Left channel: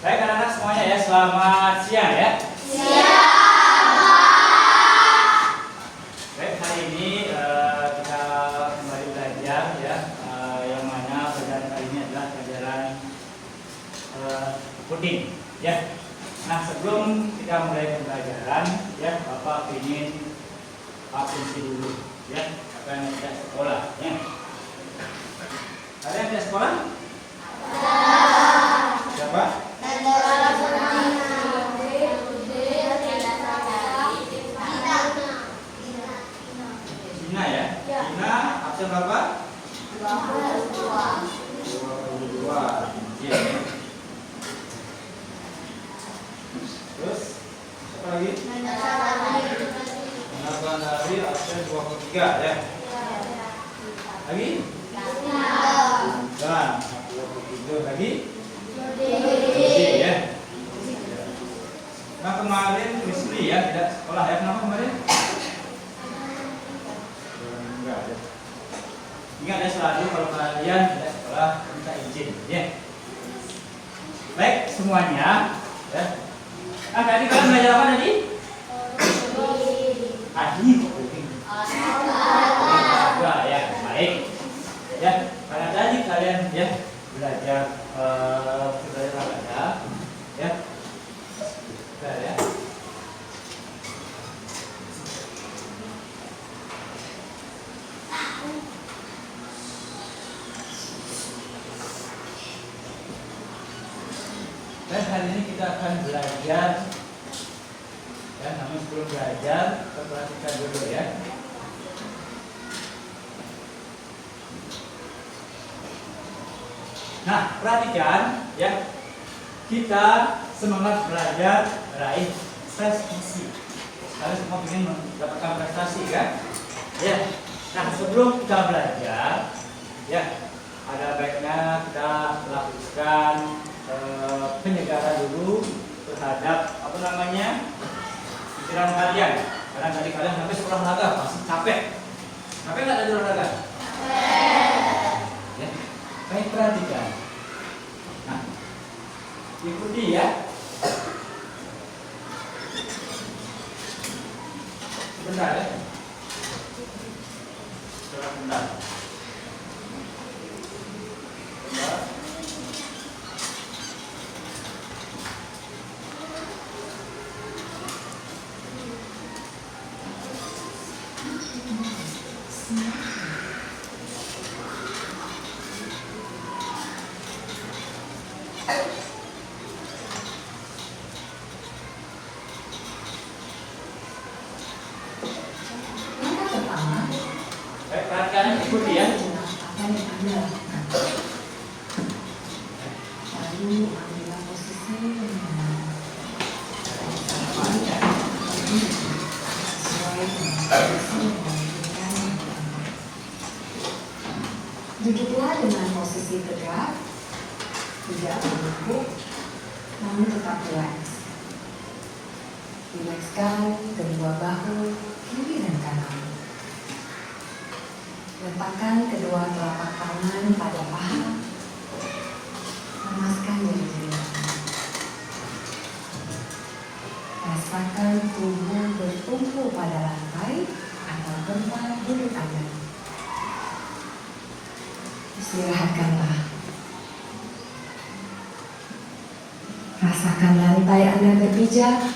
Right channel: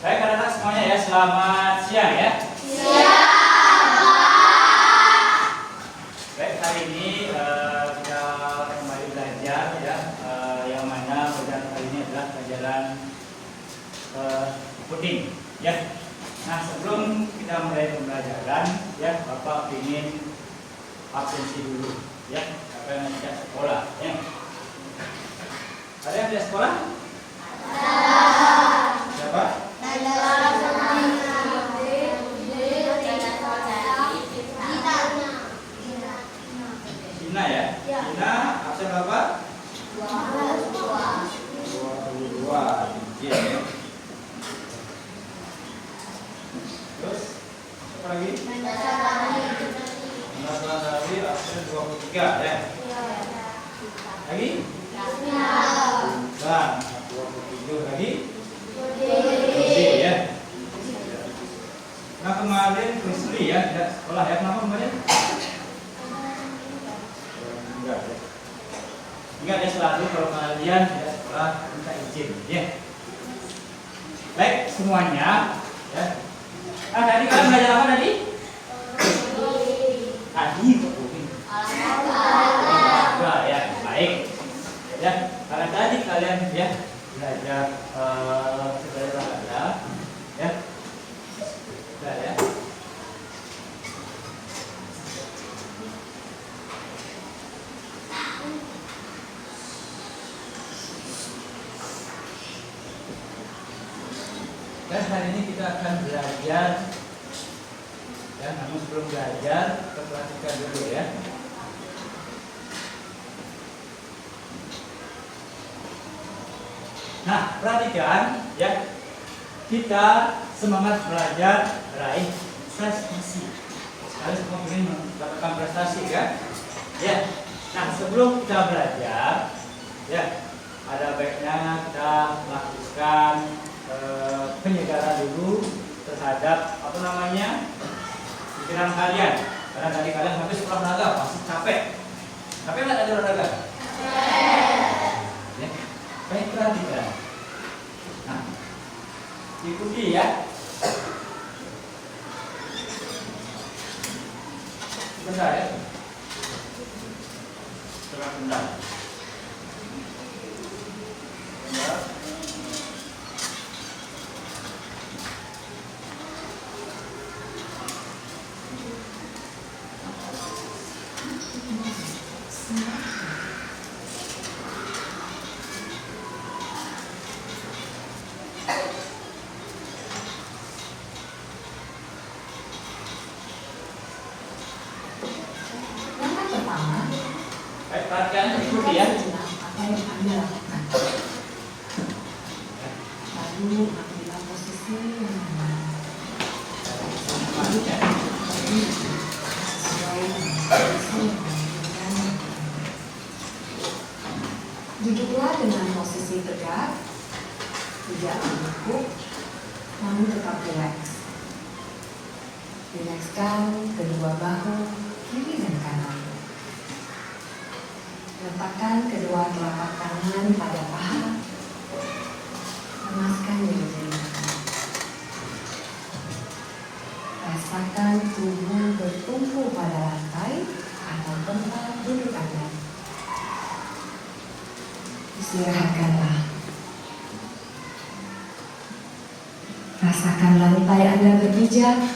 Baik anak-anak semuanya ya, selamat siang ya. Baik, hari ini kita kembali belajar ya, yang mana pelajaran kali ini adalah pelajaran coding ya. Nah, sebelum kita mulai pembelajaran ya, Bapak ingin absensi dulu ya, apa yang tidak sekolah ya. Ada yang tidak sekolah? Siapa? Cina ya? Cina absen berapa? 22. Ya. Terus apa lagi? Nasuhan tadi absen 23 ya. Lagi? Nah, 27 lagi. Ya. Nah, kemarin Risli ya tidak sekolah ya. Kenapa kemarin? Enggak ya. Ingat ya, selalu kalau kalian tidak sekolah minta izin ya. Baik semuanya ya. Nah, tadi kalian belajar apa tadi? Tadi olahraga ya, baik. Ya, karena tadi kalian ya belajar olahraga ya. Sudah ya. Dan hari ini kita akan belajar ya, namun sebelum belajar kita perhatikan dulu ya. Nah, perhatikan ya, kita semangat belajar raih prestasi. Kalian semua ingin mendapatkan prestasi kan? Ya. Nah, sebelum kita belajar ya, ada baiknya kita lakukan penyegaran dulu terhadap apa namanya pikiran kalian. Karena tadi kalian habis olahraga pasti capek. Capek nggak tadi olahraga? Ya. Baik, perhatikan. Nah, ikuti ya. Sebentar ya. Sebentar. Baik, perhatikan, ikuti ya. Apa yang Anda lakukan? Lalu ambillah posisi yang benar. Sesuai dengan posisi yang diinginkan. Duduklah dengan posisi tegak, tidak meneguk, namun tetap rileks. Rilekskan kedua bahu kiri dan kanan. Letakkan kedua telapak tangan pada paha. Lemaskan jari-jari. Rasakan tubuh bertumpu pada lantai atau tempat duduk Anda. Istirahatkanlah. Rasakan lantai Anda berpijak.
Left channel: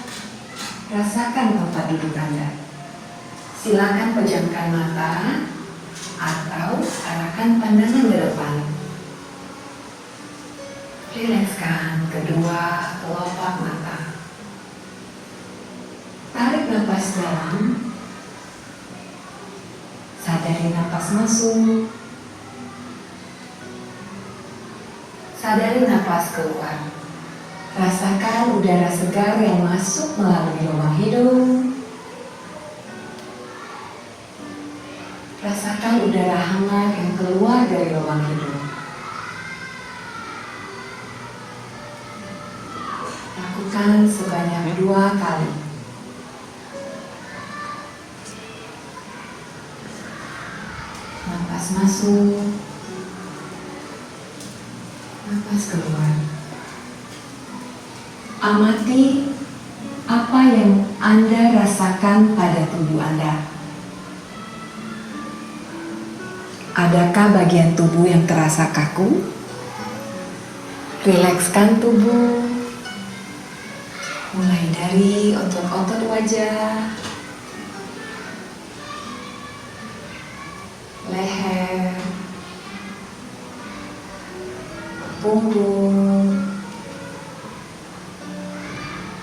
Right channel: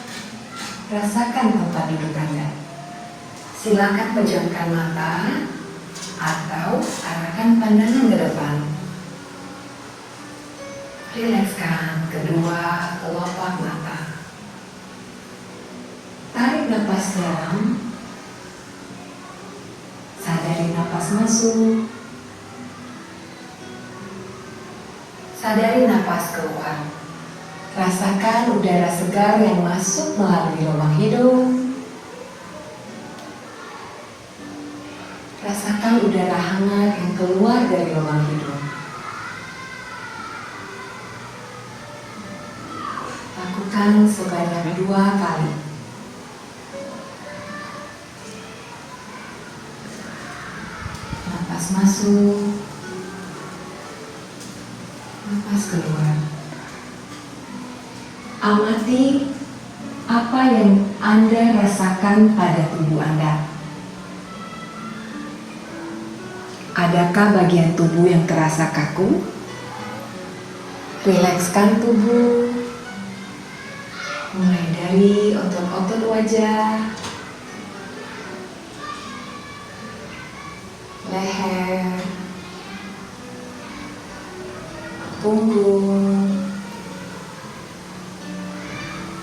Rasakan tempat duduk Anda. Silakan pejamkan mata atau arahkan pandangan ke depan. Rilekskan kedua kelopak mata. Tarik napas dalam. Sadari napas masuk. Sadari napas keluar. Rasakan udara segar yang masuk melalui lubang hidung. Rasakan udara hangat yang keluar dari lubang hidung. Lakukan sebanyak 2 kali. Napas masuk, napas keluar. Amati apa yang Anda rasakan pada tubuh Anda. Adakah bagian tubuh yang terasa kaku? Rilekskan tubuh, mulai dari otot-otot wajah, leher, punggung,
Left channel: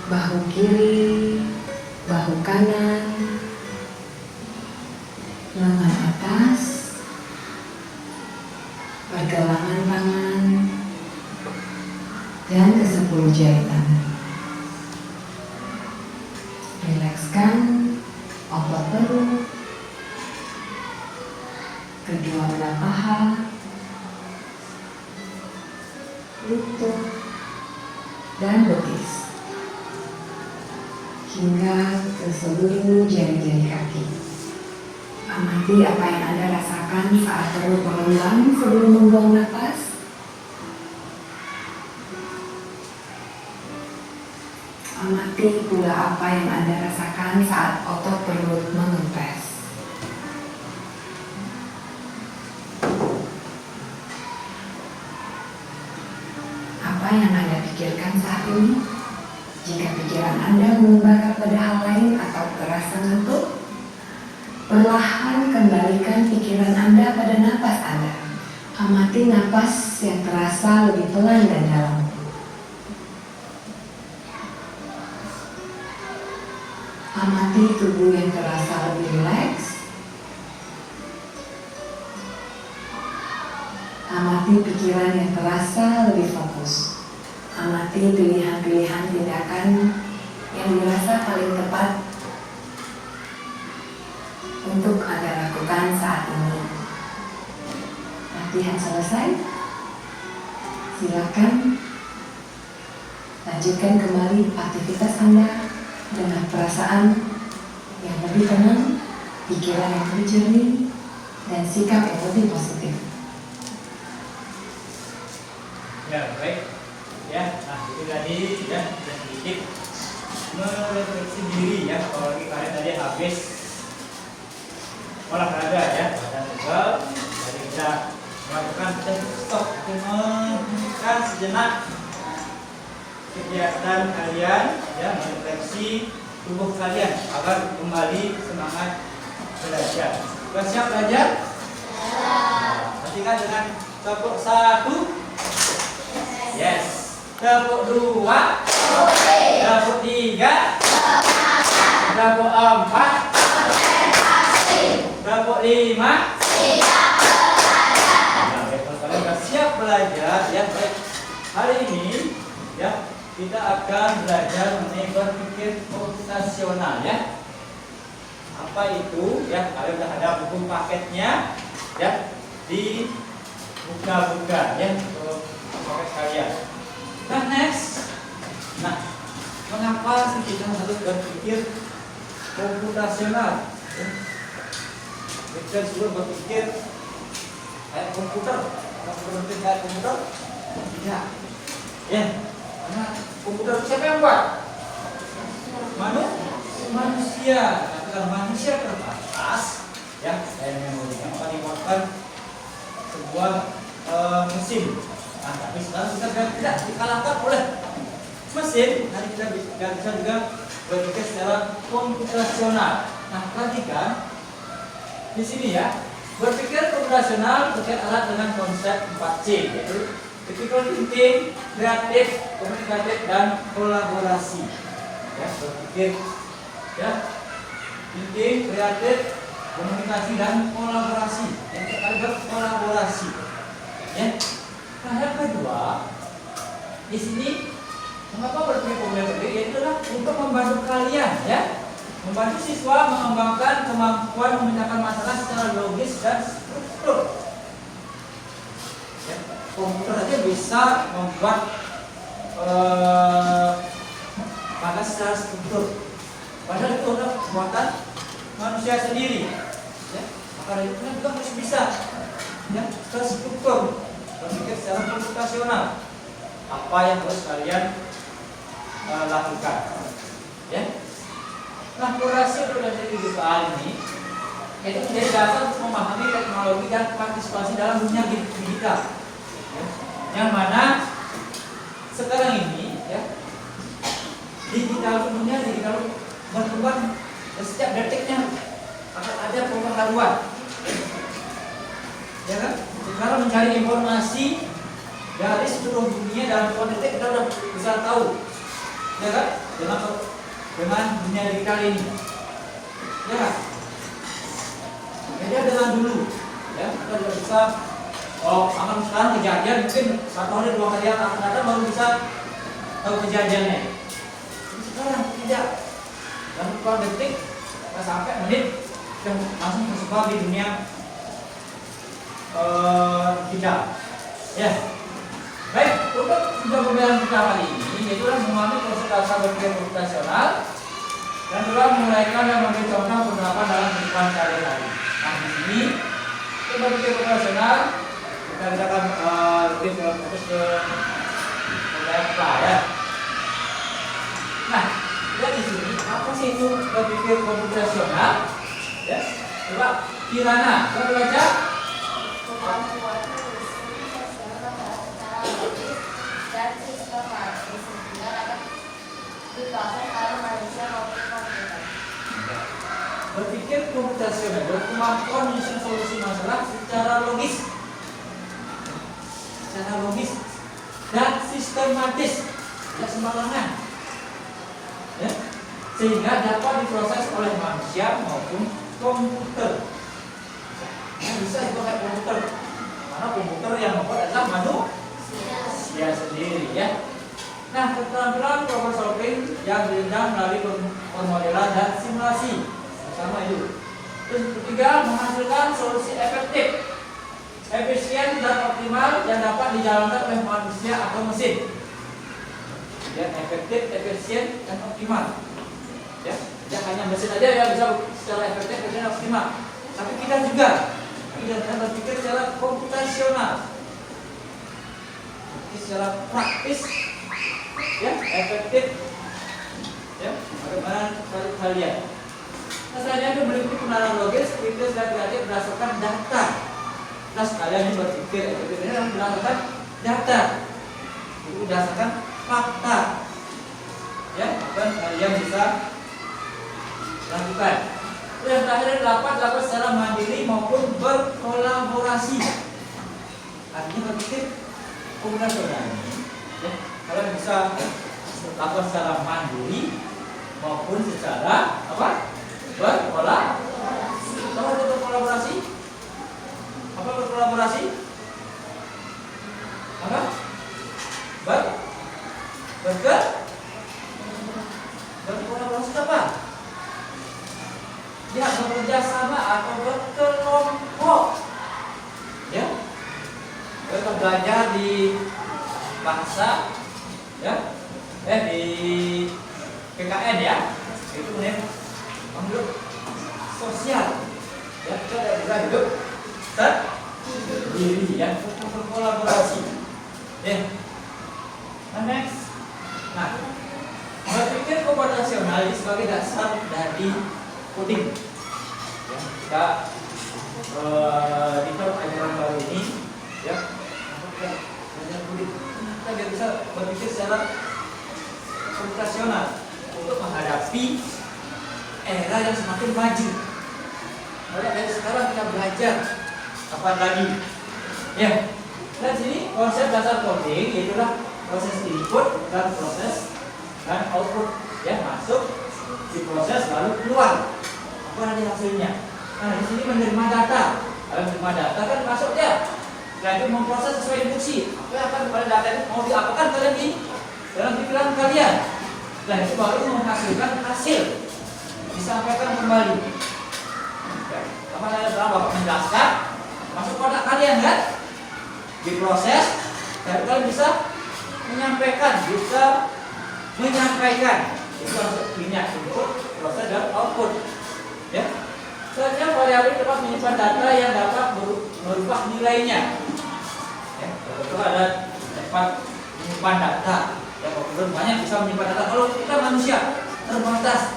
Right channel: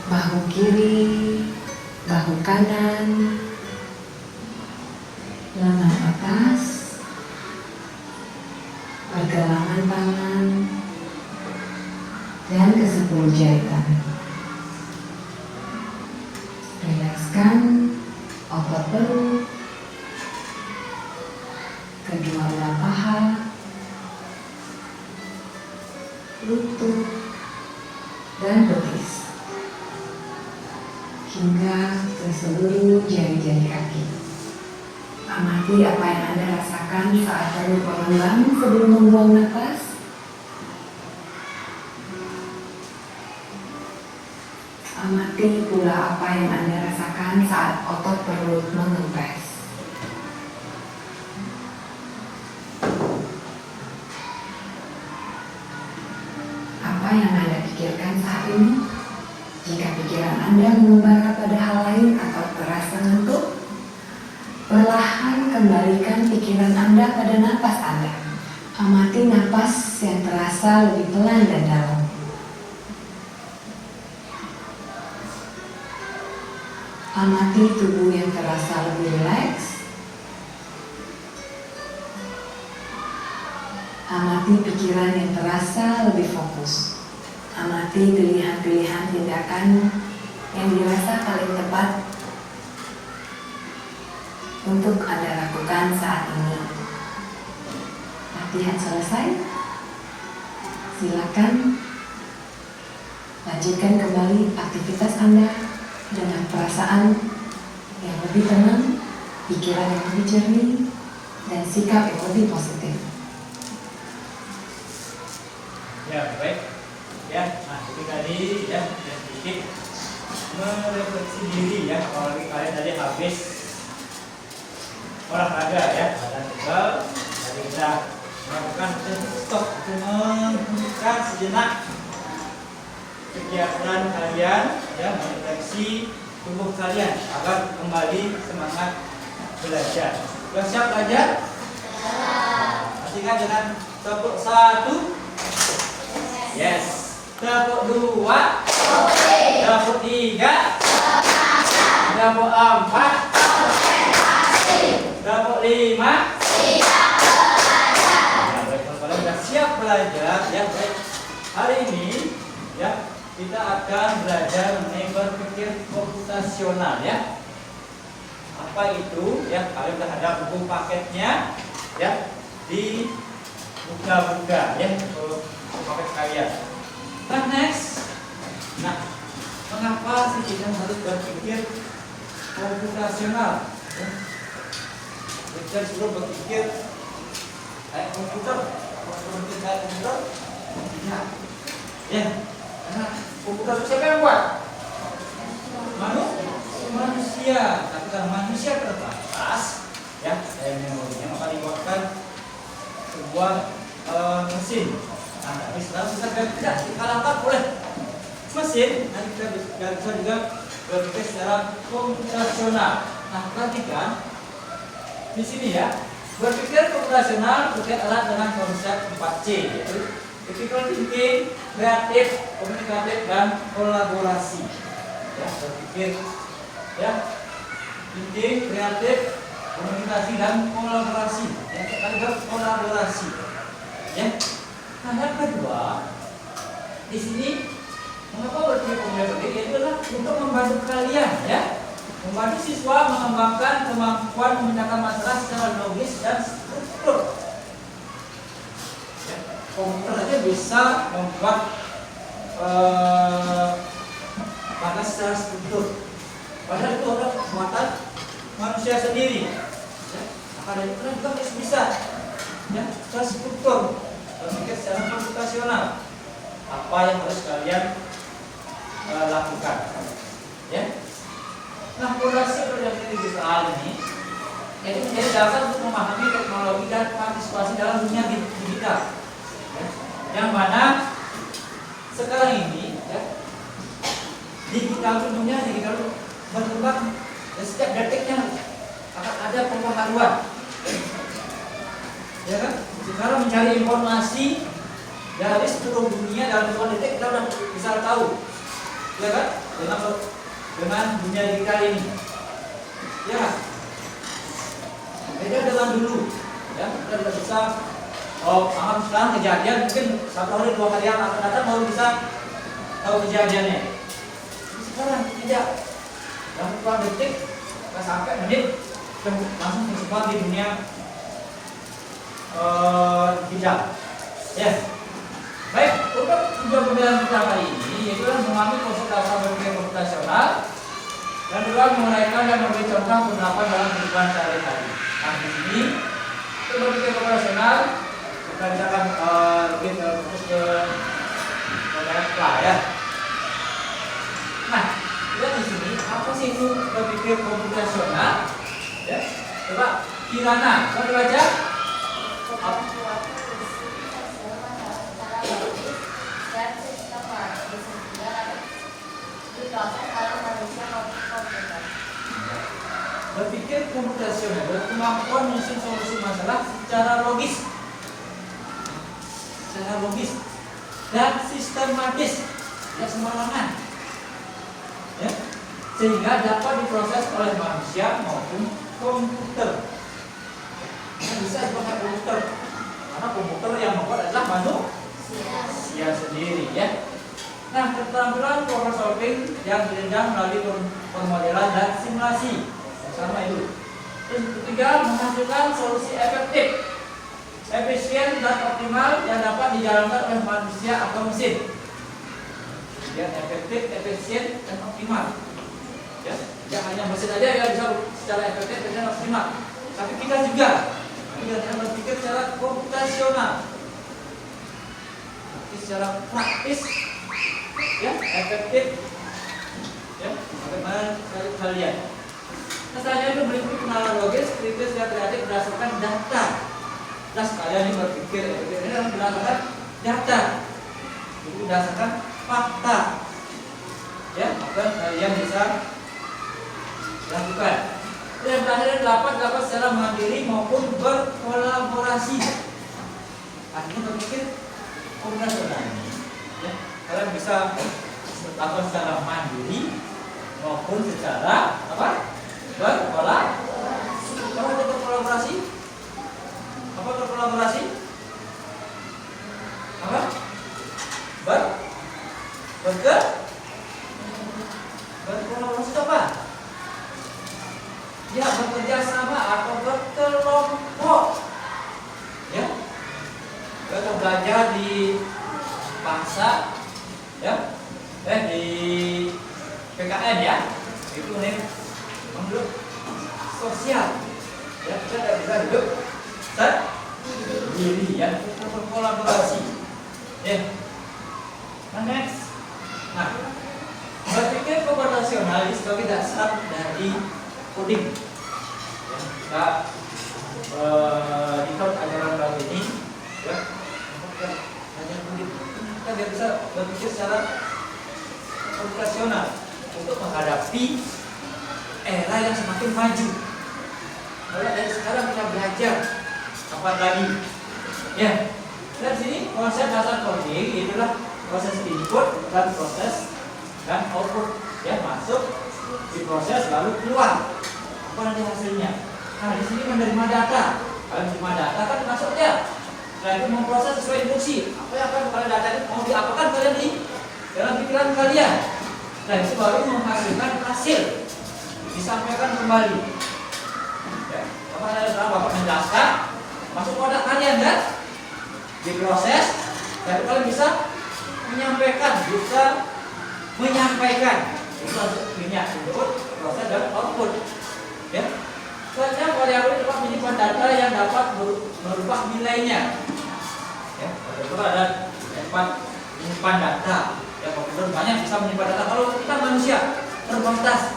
bahu kiri, bahu kanan, lengan atas, pergelangan tangan, dan ke-10 jari tangan. Rilekskan otot perut, kedua belah paha, lutut, dan betis, hingga ke seluruh jari-jari kaki. Amati apa yang Anda rasakan saat perut mengembang sebelum membuang nafas. Amati pula apa yang Anda rasakan saat otot perut mengempes. Apa yang Anda pikirkan saat ini? Jika pikiran Anda mengembara pada hal lain atau terasa ngantuk, perlahan kembalikan pikiran Anda pada napas Anda. Amati napas yang terasa lebih pelan dan dalam. Amati tubuh yang terasa lebih rileks. Amati pikiran yang terasa lebih fokus. Amati pilihan-pilihan tindakan yang dirasa paling tepat untuk Anda lakukan saat ini. Latihan selesai. Silakan lanjutkan kembali aktivitas Anda dengan perasaan yang lebih tenang, pikiran yang lebih jernih, dan sikap yang lebih positif. Ya, baik. Ya, nah itu tadi ya kita sedikit merefleksi diri ya, apalagi kalian tadi habis olahraga ya, badan tebal. Jadi kita melakukan stop untuk menghentikan sejenak kegiatan kalian ya, merefleksi tubuh kalian agar kembali semangat belajar. Sudah siap belajar? Nanti kan dengan tepuk 1, yes, tepuk 2, tepuk 3, tepuk 4, tepuk 5. Nah, baik, kalau kalian sudah siap belajar ya, baik. Hari ini ya kita akan belajar mengenai berpikir komputasional ya. Apa itu ya? Kalian sudah ada buku paketnya ya, di buka-buka ya untuk paket kalian. Nah, next. Nah, mengapa sih kita harus berpikir komputasional? Ya? Kita suruh berpikir kayak komputer. Kalau berpikir kayak komputer, tidak. Ya, karena komputer siapa yang buat? Manusia. Tapi kalau manusia terbatas, ya, daya memorinya, maka dibuatkan sebuah mesin. Nah, tapi sekarang kita tidak dikalahkan oleh mesin. Nanti kita bisa juga berpikir secara komputasional. Nah, perhatikan di sini ya, berpikir komputasional berkait erat dengan konsep 4C, yaitu critical thinking, kreatif, komunikatif, dan kolaborasi. Ya, berpikir ya, thinking, kreatif, komunikasi, dan kolaborasi. Ya, kita berkolaborasi. Ya. Nah, yang kedua, di sini mengapa berpikir komputasional? Yaitu adalah untuk membantu kalian, ya, membantu siswa mengembangkan kemampuan memecahkan masalah secara logis dan struktur. Komputer aja bisa membuat maka secara struktur. Padahal itu adalah buatan manusia sendiri. Ya, maka dari itu juga harus bisa ya, terstruktur, berpikir secara komputasional. Apa yang harus kalian lakukan. Ya. Nah, fondasi untuk definisi visual ini yaitu menjadi dasar untuk memahami teknologi dan partisipasi dalam dunia digital. Ya. Yang mana sekarang ini ya, digital berkembang dan setiap detiknya akan ada pembaharuan. Ya kan? Sekarang mencari informasi dari seluruh dunia dalam hitungan detik kita sudah bisa tahu. Ya kan? Dengan dunia digital ini. Ya kan? Beda dengan dulu. Ya, kita tidak bisa akan sekarang kejadian mungkin 1 hari 2 hari yang akan datang baru bisa tahu kejadiannya. Tapi sekarang tidak. Dalam hitungan detik, kita sampai menit dan langsung tersebar di dunia digital. Ya. Baik, untuk tujuan pembelajaran kita kali ini yaitu memahami proses dasar berpikir komputasional dan juga menguraikan dan memberi contoh penerapan dalam kehidupan sehari-hari. Nah, di sini untuk berpikir komputasional kita akan lebih fokus ke apa ya. Nah, lihat di sini apa sih itu berpikir komputasional? Ya, coba Kirana, coba dibaca. Dan sistematis sehingga dapat diproses oleh manusia maupun komputer. Berpikir komputasional adalah kemampuan menyusun solusi masalah secara logis dan sistematis, tidak sembarangan, ya, sehingga dapat diproses oleh manusia maupun komputer. Bisa dipakai komputer, karena komputer yang membuat adalah manusia sendiri, ya. Nah, keterampilan problem solving yang dijenjang melalui permodelan dan simulasi sama itu. Terus ketiga, menghasilkan solusi efektif, efisien dan optimal yang dapat dijalankan oleh manusia atau mesin. Ya, efektif, efisien dan optimal. Ya, jangan hanya mesin aja yang bisa secara efektif dan optimal, tapi kita juga berpikir secara komputasional, secara praktis, ya, efektif, ya, bagaimana kalian. Nah, selanjutnya itu meliputi pengenalan logis, kritis dan kreatif berdasarkan data. Nah, kalian ini berpikir efektif ini berdasarkan data, itu berdasarkan fakta, ya, maka kalian bisa lakukan. Dan terakhir dapat secara mandiri maupun berkolaborasi. Artinya berpikir komputasional. Ya, kalian bisa lakukan secara mandiri maupun secara apa? Berkolaborasi. Kalau ada berkolaborasi, apa berkolaborasi? Apa? Berkolaborasi apa? Ya, bekerja sama atau berkelompok. Ya, kita belajar di bahasa, ya, di PKN ya, itu menurut sosial. Ya, kita tidak bisa hidup sendiri, ya, kita berkolaborasi. Ya, nah, next. Nah, berpikir komputasional sebagai dasar dari coding. Ya, kita di ajaran baru ini, ya, ajaran coding kita biar bisa berpikir secara komputasional untuk menghadapi era yang semakin maju. Oleh dari sekarang kita belajar apa lagi? Ya, dan sini konsep dasar coding itulah proses input dan proses dan output, ya, masuk diproses lalu keluar apa nanti hasilnya. Nah, di sini menerima data. Kalau menerima data kan masuknya, setelah itu memproses sesuai instruksi. Apa yang akan kepada data itu mau diapakan kalian di dalam pikiran kalian. Dan itu baru menghasilkan hasil, disampaikan kembali. Ya, apa yang telah Bapak menjelaskan masuk pada kalian kan, diproses, dan kalian bisa menyampaikan, itu harus minyak input, proses dan output. Ya, selanjutnya variabel dapat menyimpan data yang dapat merubah nilainya. Ya, itu ada tempat menyimpan data. Ya, komputer banyak bisa menyimpan data. Kalau terbatas.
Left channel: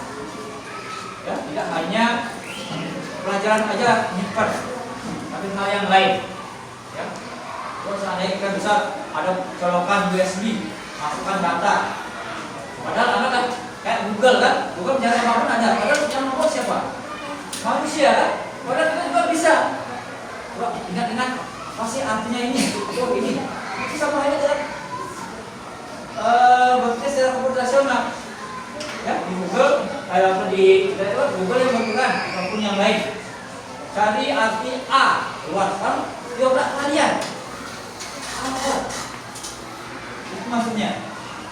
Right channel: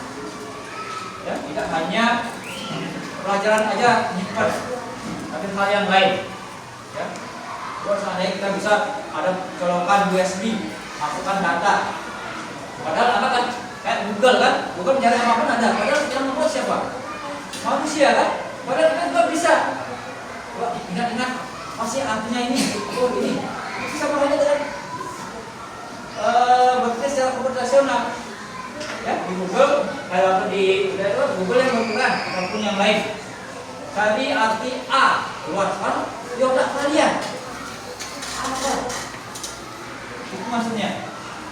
Ya, tidak hanya pelajaran aja nyimpan, tapi hal yang lain. Ya. Kalau seandainya kita bisa ada colokan USB, masukkan data. Padahal apa kan? Kayak Google kan? Google mencari apapun ada. Padahal yang membuat siapa? Manusia kan? Padahal kita juga bisa. Coba ingat-ingat, masih artinya ini, oh ini. Itu sama halnya dengan bekerja secara komputasional. Ya, di Google, kalau di Google yang melakukan ataupun yang lain. Cari arti A, luar kan? Di otak kalian. Apa? Itu maksudnya.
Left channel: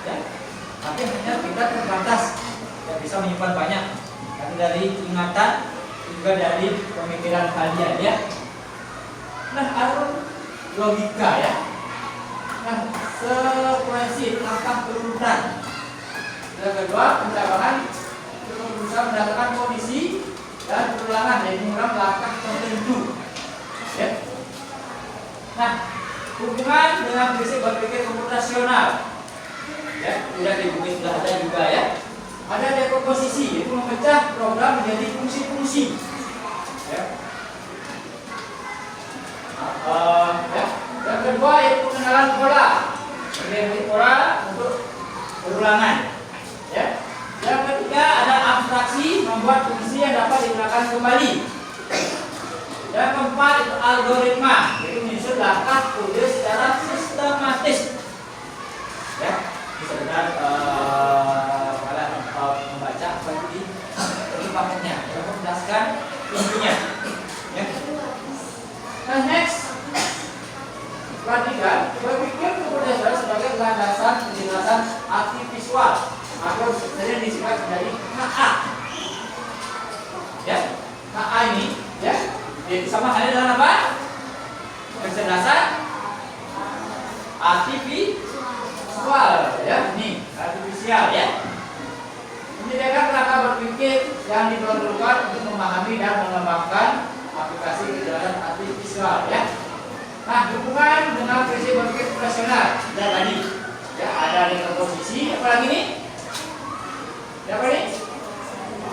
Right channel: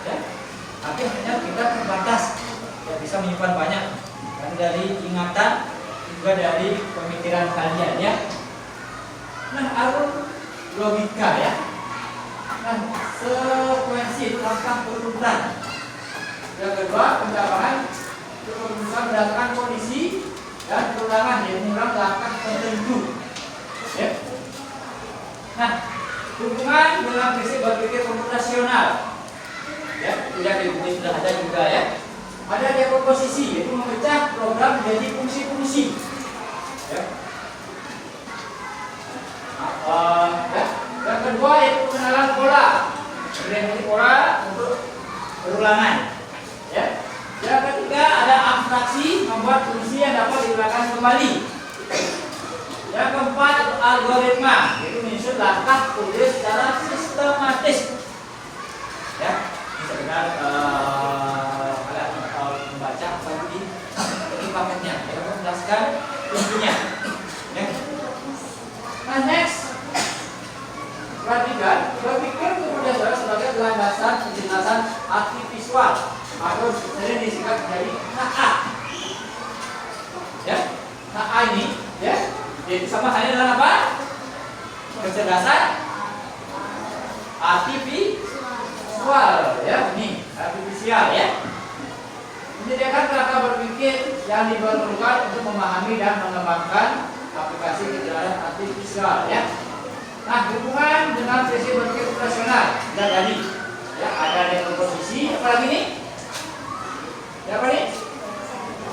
Ya. Tapi hanya kita terbatas, tidak bisa menyimpan banyak. Karena dari ingatan juga dari pemikiran kalian ya. Nah, alur logika ya. Nah, sekuensi langkah berurutan. Yang kedua, pencabahan berusaha berdasarkan kondisi dan perulangan, yaitu mengulang langkah tertentu. Ya. Nah, hubungan dengan prinsip berpikir komputasional. Ya, tidak di buku sudah ada juga ya. Ada dekomposisi, yaitu memecah program menjadi fungsi-fungsi. Ya. Ya. Yang kedua yaitu pengenalan pola. Definisi pola untuk perulangan. Ya. Yang ketiga ada abstraksi, membuat fungsi yang dapat diulang kembali. Yang keempat itu algoritma, yaitu menyusun langkah kode secara sistematis. Ya, bisa dengan kalian membaca apa itu di paketnya, ya, untuk menjelaskan intinya. Ya. Nah, next, perhatikan, berpikir kemudian sebagai landasan penjelasan arti visual atau sering disingkat dari HA. Ya, HA ini, ya. Jadi sama halnya dengan apa? Kecerdasan artifisial, ya. Ini artifisial, ya. Menyediakan kerangka berpikir yang diperlukan untuk memahami dan mengembangkan aplikasi kecerdasan artifisial, ya. Nah, hubungan dengan prinsip berpikir profesional dan tadi, ya, ada dekomposisi, apa lagi nih? Ya, apa nih?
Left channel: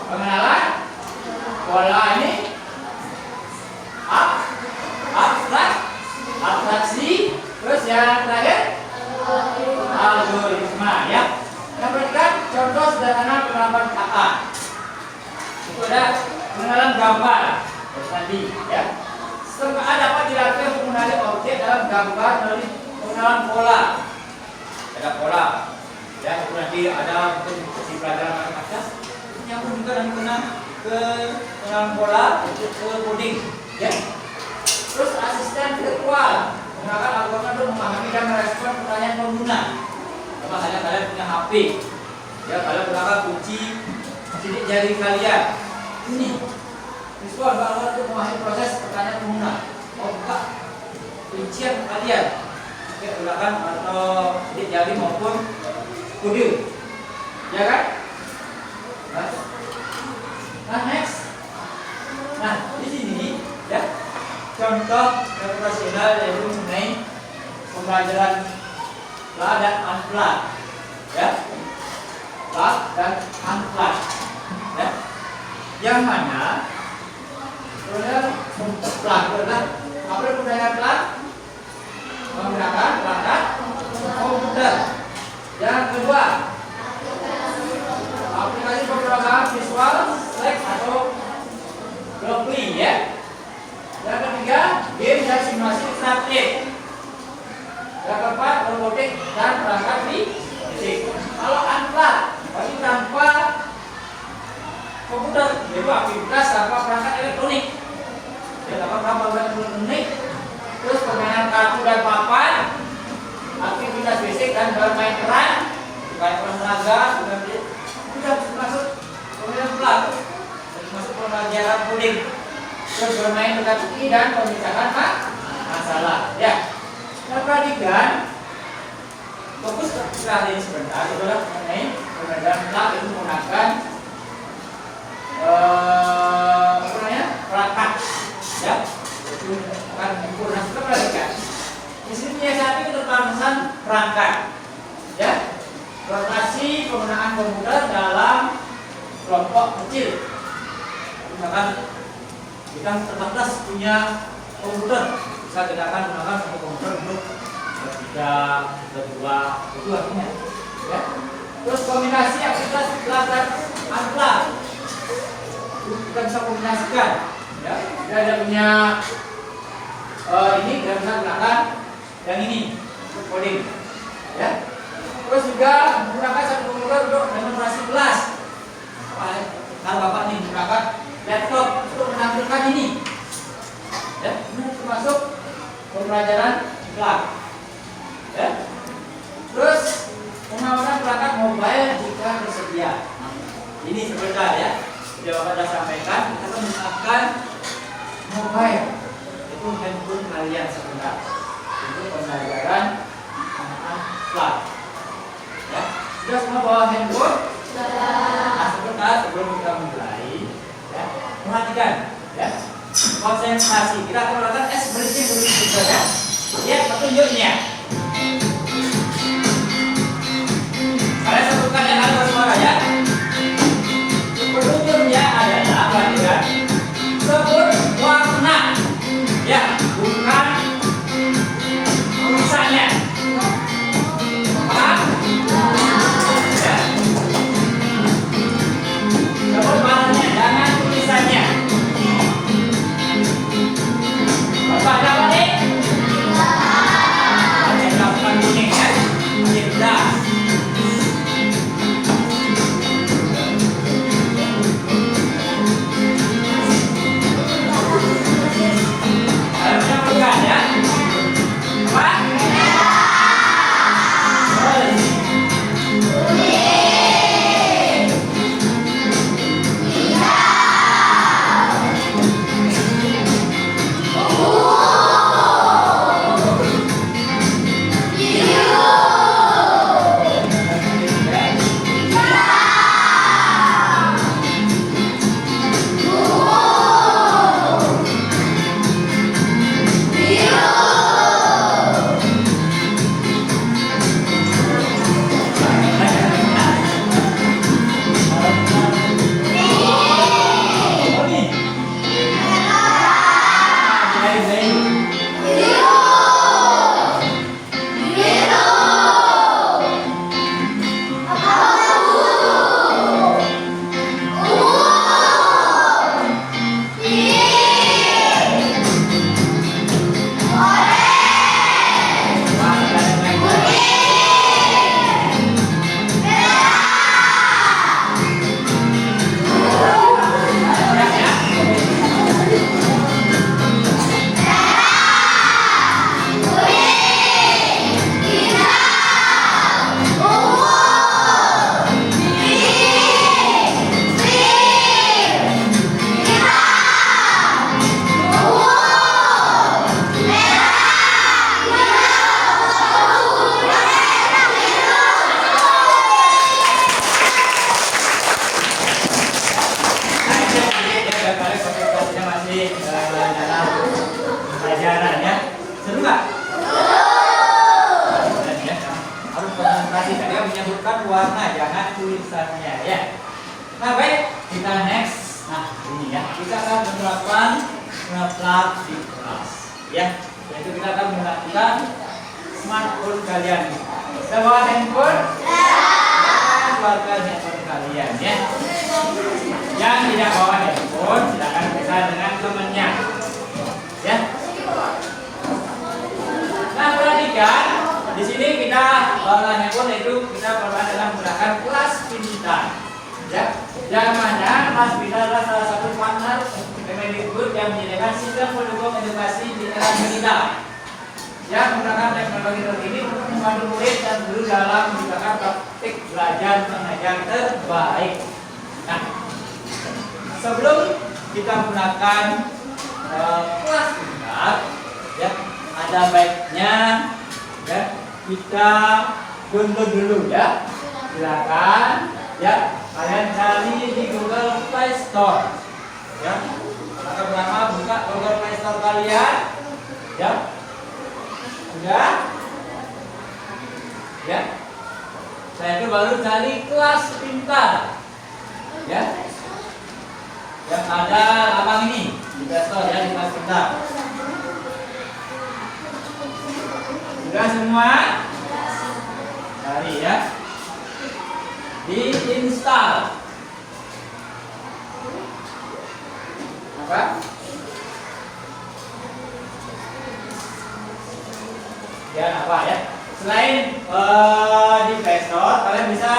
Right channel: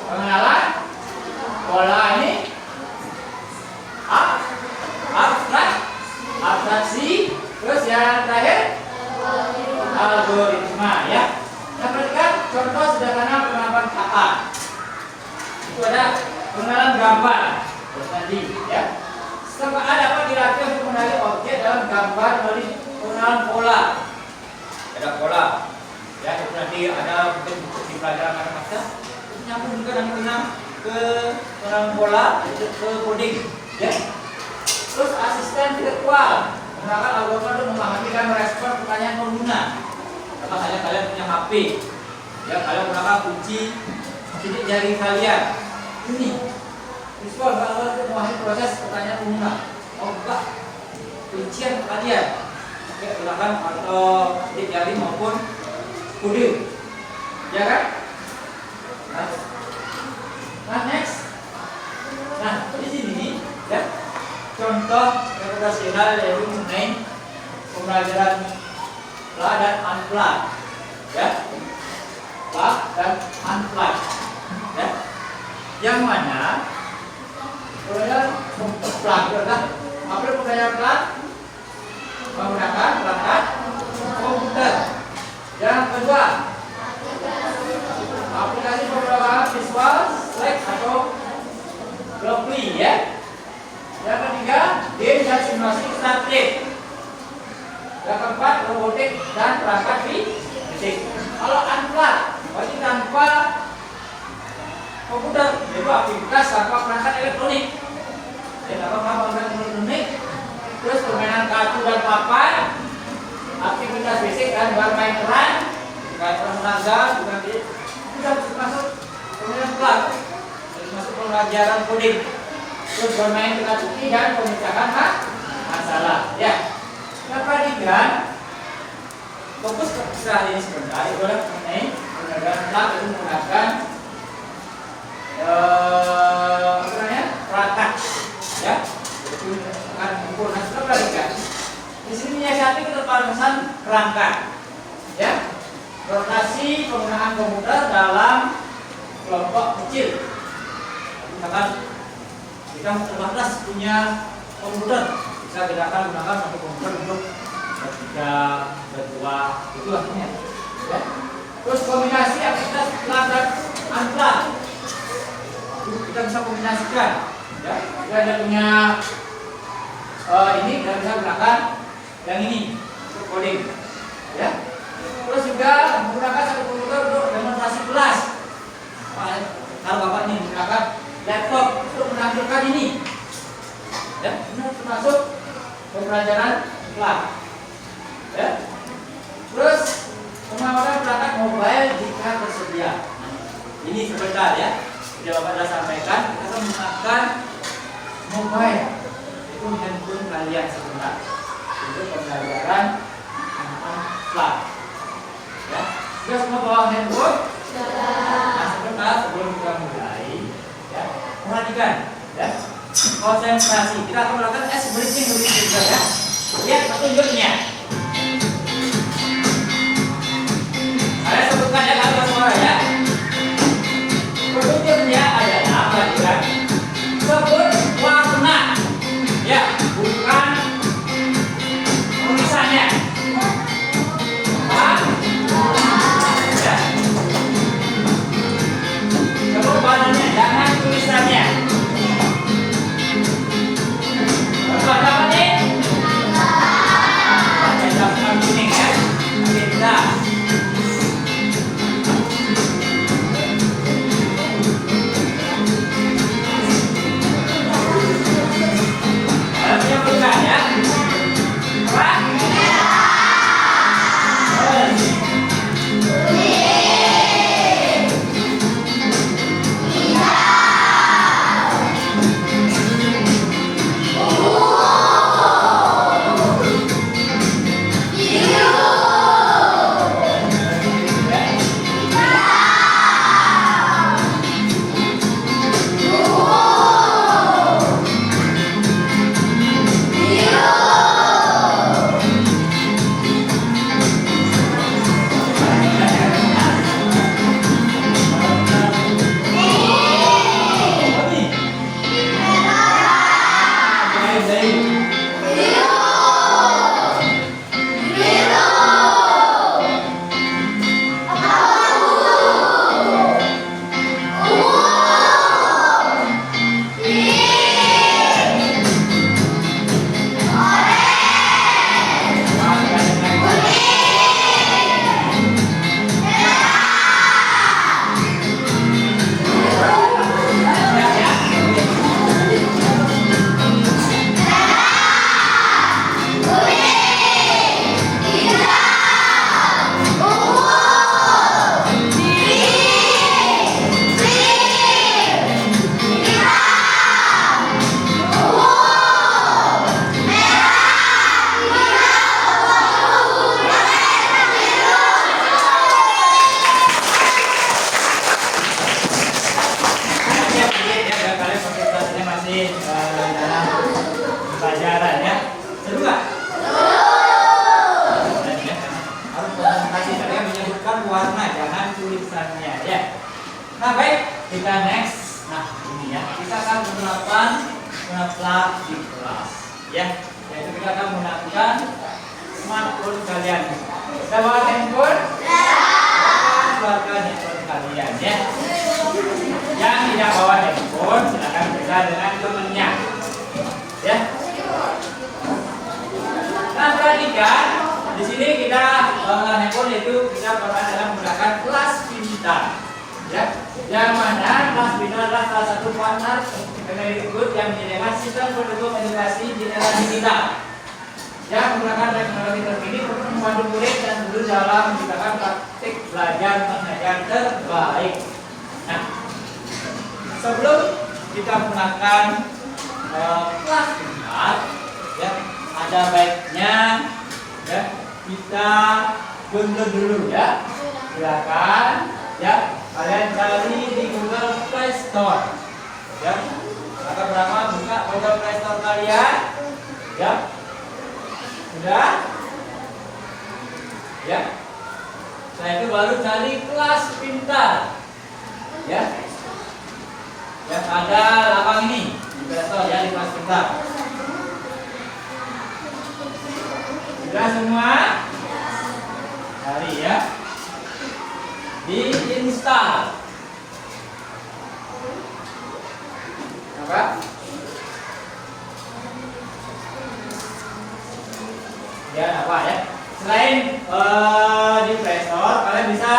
Pengenalan pola ini. Abstraksi, terus yang terakhir algoritma, ya. Nah, berikan contoh sederhana penerapan KA. Itu ada pengenalan gambar, tadi, ya. Serta dapat dilakukan untuk mengenali objek dalam gambar melalui pengenalan pola. Ada pola, ya. Itu nanti ada untuk di pelajaran matematika. Nyambung juga nanti menang ke pengenalan pola, itu ke coding, ya. Terus asisten virtual, menggunakan algoritma untuk memahami dan merespon pertanyaan pengguna. Sama halnya kalian punya HP, ya, kalian menggunakan kunci sidik jari kalian. Ini visual bahwa untuk memahami proses pertanyaan pengguna. Oh, buka kuncian kalian, oke, gunakan atau sidik jari maupun kode, ya kan? Nah, next, nah di sini, ya. Contoh reputasional yaitu mengenai pembelajaran plat dan unplat, ya, plat dan unplat, ya, yang mana pembelajaran plat adalah apa pembelajaran plat menggunakan perangkat komputer. Yang kedua, aplikasi pemrograman visual Slack atau Blockly, ya. Yang ketiga, game dan simulasi interaktif. Yang keempat, robotik dan perangkat fisik. Kalau unplat, berarti tanpa komputer, yaitu aktivitas tanpa perangkat elektronik. Ya, tanpa perangkat elektronik. Terus permainan kartu dan papan, aktivitas fisik dan bermain peran, kayak olahraga, tidak masuk permainan plat, masuk pelajaran coding. Terus bermain teka-teki dan pemisahan masalah, ya. Nah, perhatikan, fokus ke ini sebentar, itu adalah mengenai pembelajaran plat itu menggunakan perangkat, ya. Itu akan mengukur. Nah, kita perhatikan. Di sini menyiasati keterbatasan perangkat, ya. Lokasi penggunaan komputer dalam kelompok kecil. Misalkan kita terbatas punya komputer, bisa kita akan gunakan satu komputer untuk bertiga, berdua, itu artinya. Ya. Terus kombinasi aktivitas plug dan unplug, kita bisa kombinasikan. Ya, kita ada punya ini kita bisa gunakan yang ini untuk coding. Ya. Terus juga menggunakan satu komputer untuk demonstrasi kelas. Kalau Bapak ini menggunakan laptop untuk menampilkan ini, ya, ini termasuk pembelajaran plug. Ya. Terus pengamanan perangkat mobile jika tersedia. Ini sebentar ya. Sudah Bapak sudah sampaikan, kita menggunakan mobile, itu handphone kalian sebentar. Itu pembelajaran tentang plug. Ya. Sudah semua bawa handphone? Nah, sebentar sebelum kita mulai, ya, perhatikan, ya, konsentrasi. Kita akan melakukan breathing juga, ya. Ya, petunjuknya. Kalian sebutkan ya kata suara ya. Petunjuknya adalah bagian sebut warna, ya, bukan tulisannya. Paham? Ya. Sebut warnanya, jangan tulisannya. Bapak dapat nih? Ada yang kuning ya. Oke, sudah. ya. Yang ada lapang ini investor ya di kelas kita. Sudah semua? Cari ya. Diinstal. Apa? Ya apa ya? Selain di Play Store, kalian bisa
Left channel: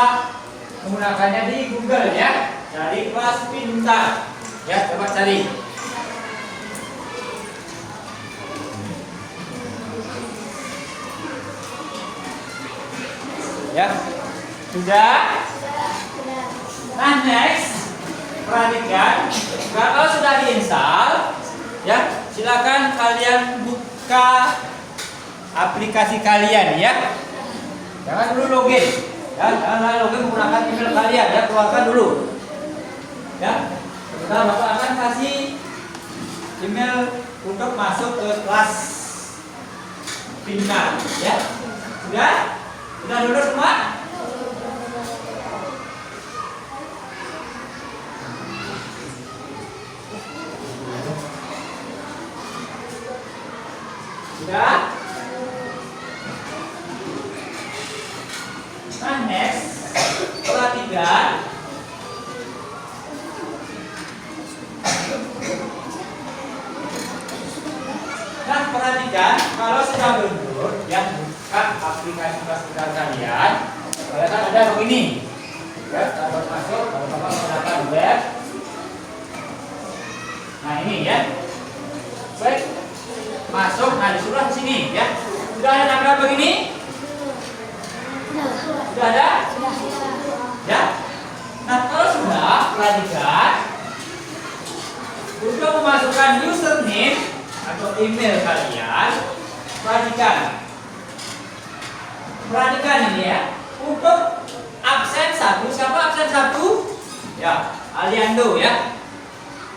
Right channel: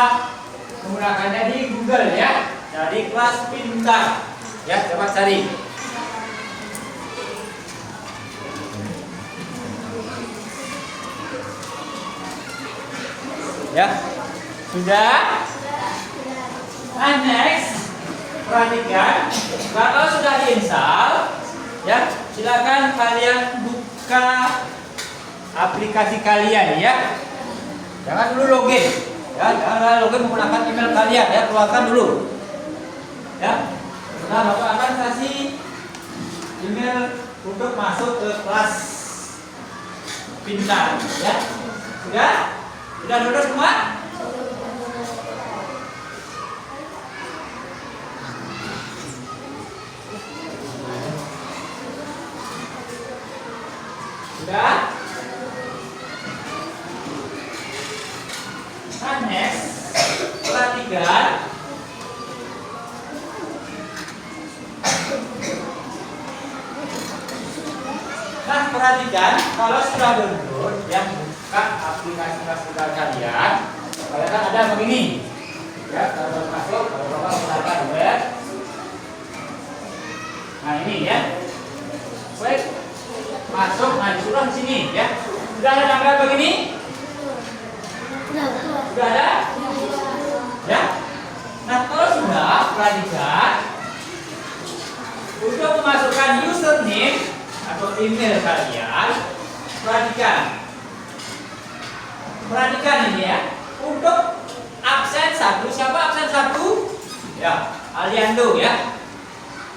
menggunakannya di Google ya. Cari kelas pintar. Ya, coba cari. Ya. Sudah? Nah, next. Perhatikan, kalau sudah diinstal, ya, silakan kalian buka aplikasi kalian ya. Jangan dulu login. Ya, jangan login menggunakan email kalian ya, keluarkan dulu. Ya. Nah, Bapak akan kasih email untuk masuk ke kelas pintar ya. Sudah? Sudah download semua? Sudah? Nah, next, perhatikan. Nah, perhatikan, kalau sudah download, ya, buka aplikasi kelas pintar kalian, kalian ada begini. Ya, kalau masuk, kalau menggunakan web. Nah, ini ya. Baik. Masuk, nah disuruh di sini ya. Sudah ada tampilan begini? Sudah ada? Ya. Nah, kalau sudah, perhatikan. Untuk memasukkan username atau email kalian, perhatikan. Perhatikan ini ya. Untuk absen 1, siapa absen 1? Ya, Aliando ya.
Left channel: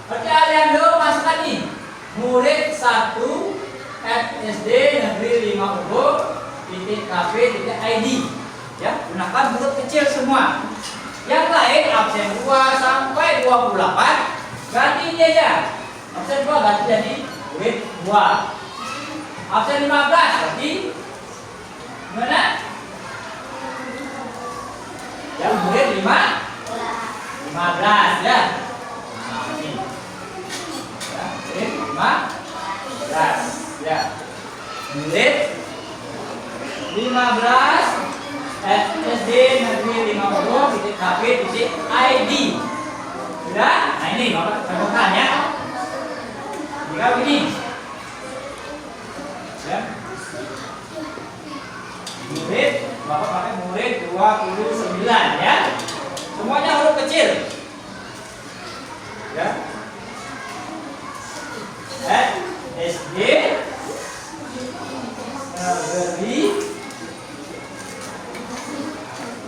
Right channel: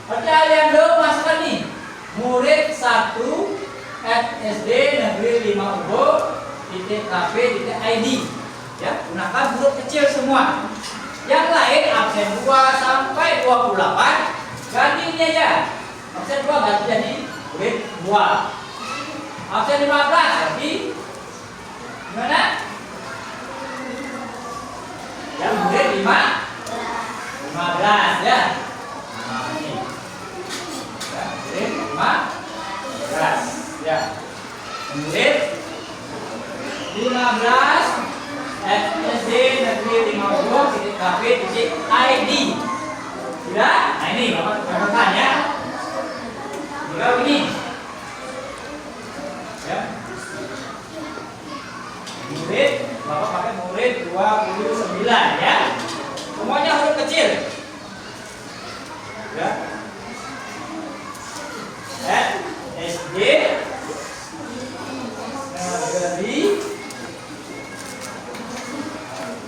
Berarti Aliando masukkan nih. Murid 1 SD Negeri 5 Ubud .kp.id ya, gunakan huruf kecil semua. Yang lain absen 2 sampai 28 ganti ini aja. Absen 2 ganti jadi murid 2. Absen 15 ganti gimana? Ya, murid 15 ya. Nah, ini. Ya, murid 15 ya. Murid 15 SD Negeri 5 Ubud .kp.id. Sudah? Nah, ini Bapak contohkan ya. Tinggal begini. Ya. Murid, Bapak pakai murid 29 ya. Semuanya huruf kecil. Ya. SD Negeri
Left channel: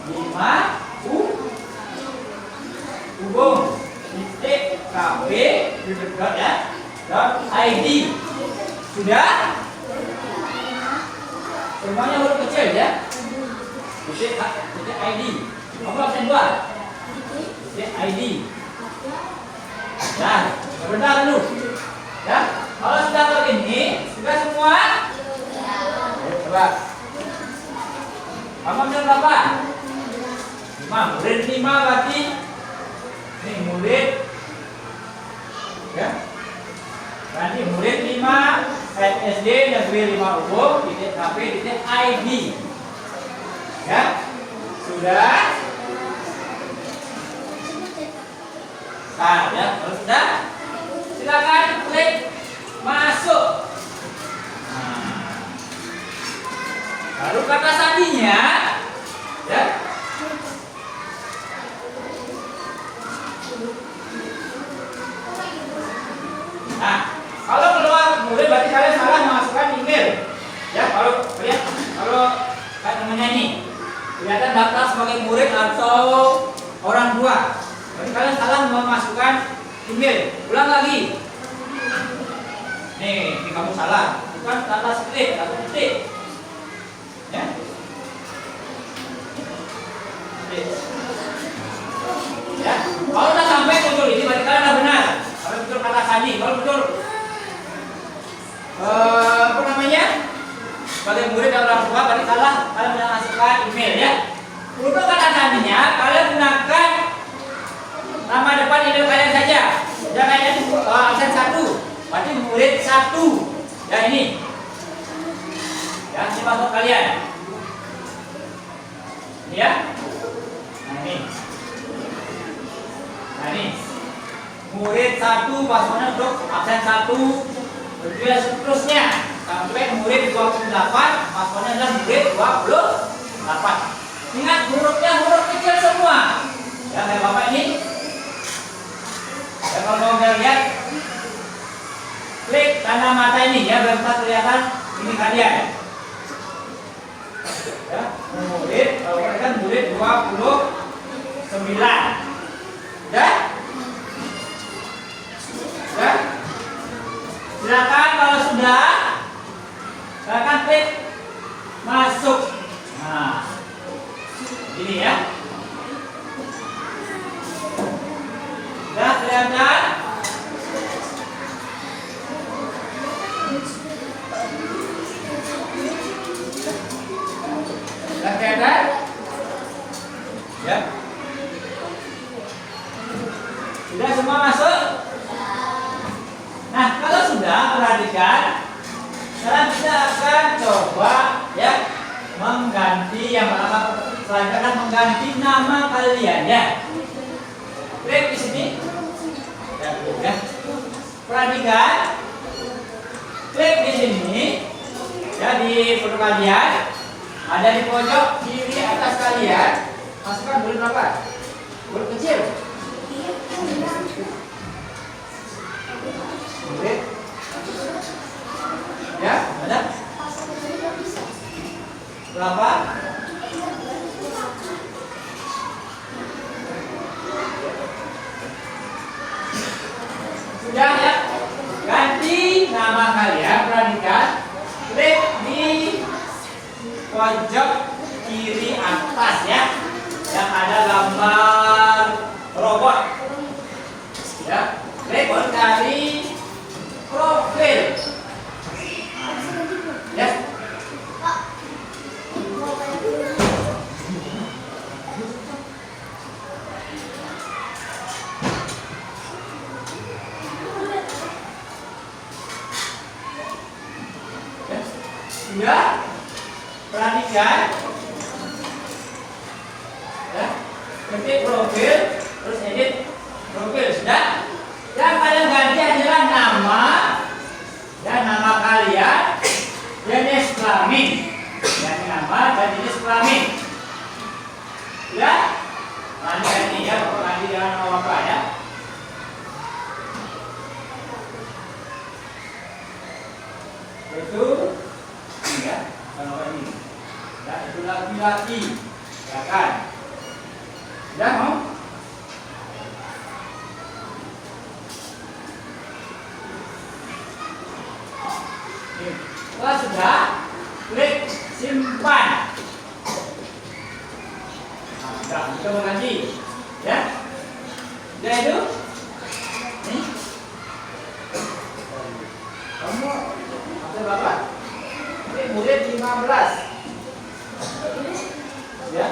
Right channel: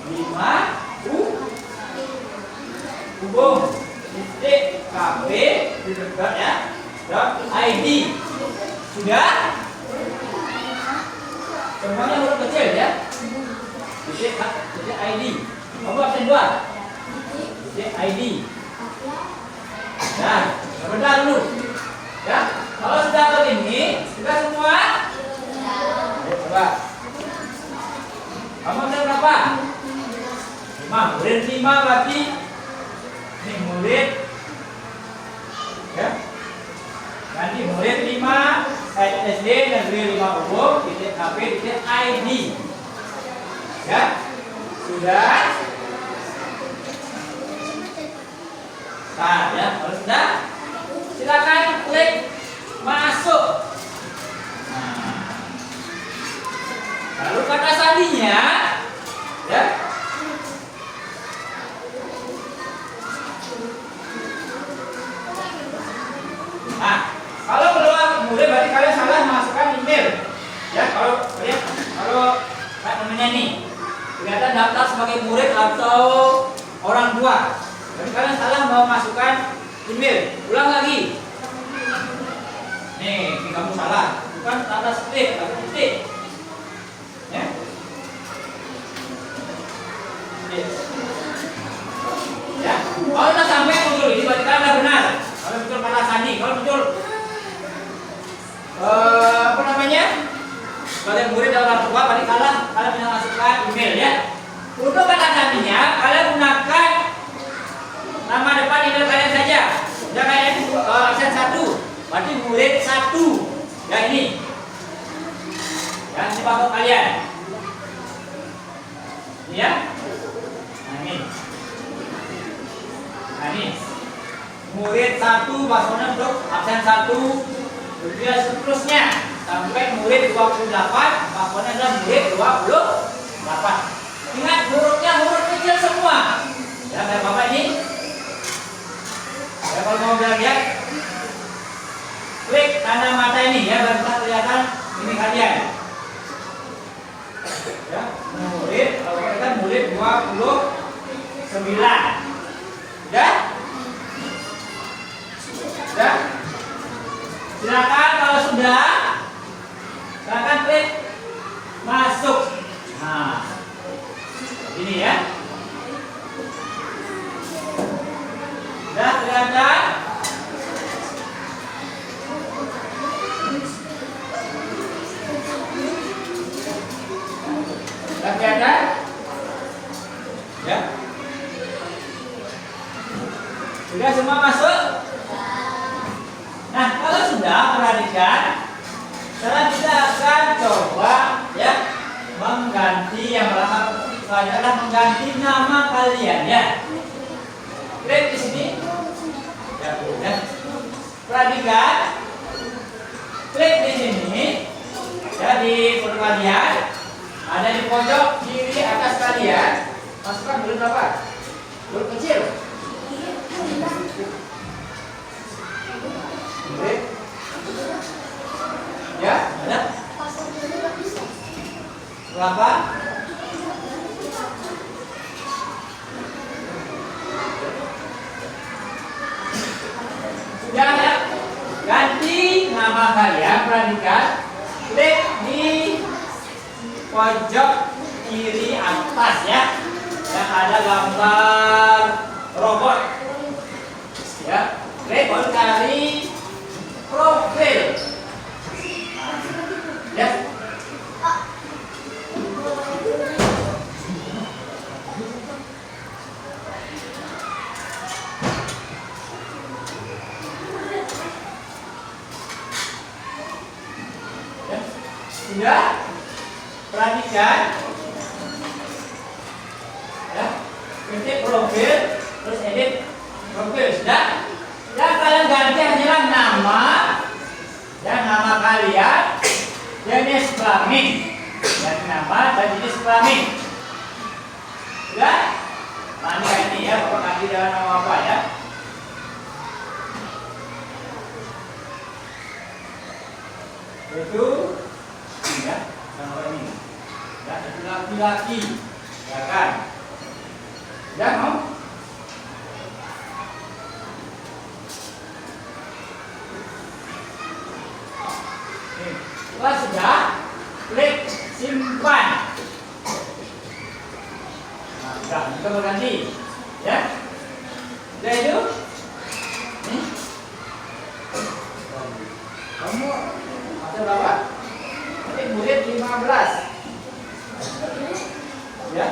5 Ubud .kp ya .id. Sudah? Semuanya huruf kecil ya. .id. Kamu absen 2. .id. Nah, sebentar dulu. Ya, kalau sudah begini, sudah semua? Ayo coba. Kamu absen berapa? 5. Murid 5 berarti ini murid ya. Nanti murid 5 SD Negeri 5 Ubud .kp.id. Ya. Sudah? Nah, ya, kalau sudah silakan klik masuk. Nah, lalu kata sandinya ya. Nah, kalau keluar murid berarti kalian salah memasukkan email. Ya, kalau lihat kayak temannya nih kelihatan daftar sebagai murid atau orang tua. Berarti kalian salah memasukkan email. Ulang lagi. Nih, ini kamu salah. Bukan tanda strip, tapi titik. Ya. Titik. Ya. Kalau sandi. Kalau betul apa namanya, sebagai murid dan orang tua tadi salah, kalian mengasihkan email ya. Untuk kata sandinya kalian gunakan nama depan email kalian saja. Ya kayak ini absen 1, berarti murid 1. Ya ini. Ya ini password kalian. Ini ya. Nah ini. Nah ini. Murid 1 passwordnya untuk absen 1. Begitu seterusnya sampai murid 28, passwordnya adalah murid 28. Ingat hurufnya huruf kecil semua. Ya kayak Bapak ini. Ya kalau mau lihat, klik tanda mata ini ya biar bisa kelihatan ini kalian. Ya, murid, kalau kita murid 29. Udah? Ya. Silakan kalau sudah, silakan klik masuk. Nah, ini ya. Sudah kelihatan? Sudah kelihatan? Ya. Sudah semua masuk? Nah, kalau sudah, perhatikan. Sekarang kita akan coba ya mengganti yang pertama. Saya akan mengganti nama kalian ya. Klik di sini. Ya. Perhatikan. Klik di sini. Ya di foto kalian. Ada di pojok kiri atas kalian. Masukkan huruf berapa? Huruf kecil. Murid. Ya, ada? Berapa? Sudah ya? Ganti nama kalian, perhatikan. Klik di pojok kiri atas ya. Yang ada gambar robot. Ya, klik cari profil. Ya. Sudah? Perhatikan. Ya. Ketik profil, terus edit profil. Sudah? Ya kalian ganti hanyalah nama. Ya nama kalian. Jenis kelamin. Dan nama dan jenis kelamin. Sudah? Nanti ganti ya, Bapak ganti dengan nama Bapak ya. Itu ya, nama ini. Ya, itu laki-laki. Ya kan? Sudah mau? Kalau sudah, klik simpan. Nah, sudah, kita berganti, ya. Sudah itu? Nih. Kamu ada berapa? Ini murid 15. Ya.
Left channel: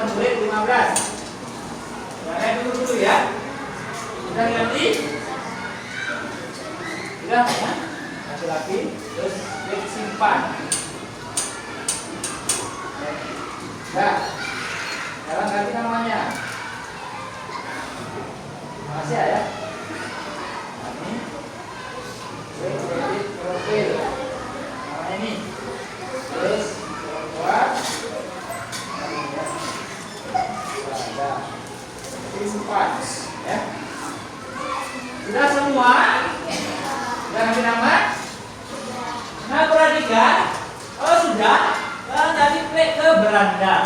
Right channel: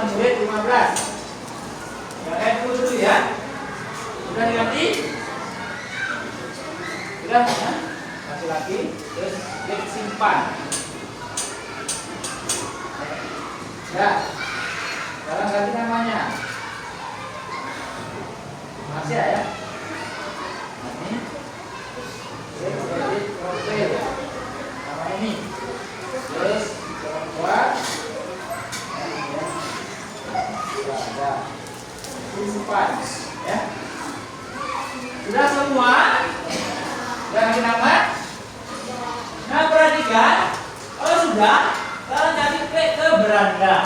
Murid 15. Yang lain dulu ya. Sudah diganti? Sudah ya? Laki-laki, terus klik simpan. Ya. Sekarang ganti namanya. Masih ya? ada. Disimpan, ya. Sudah semua? Jangan nama. Nah, perhatikan. Kalau sudah, kalian jadi klik ke beranda.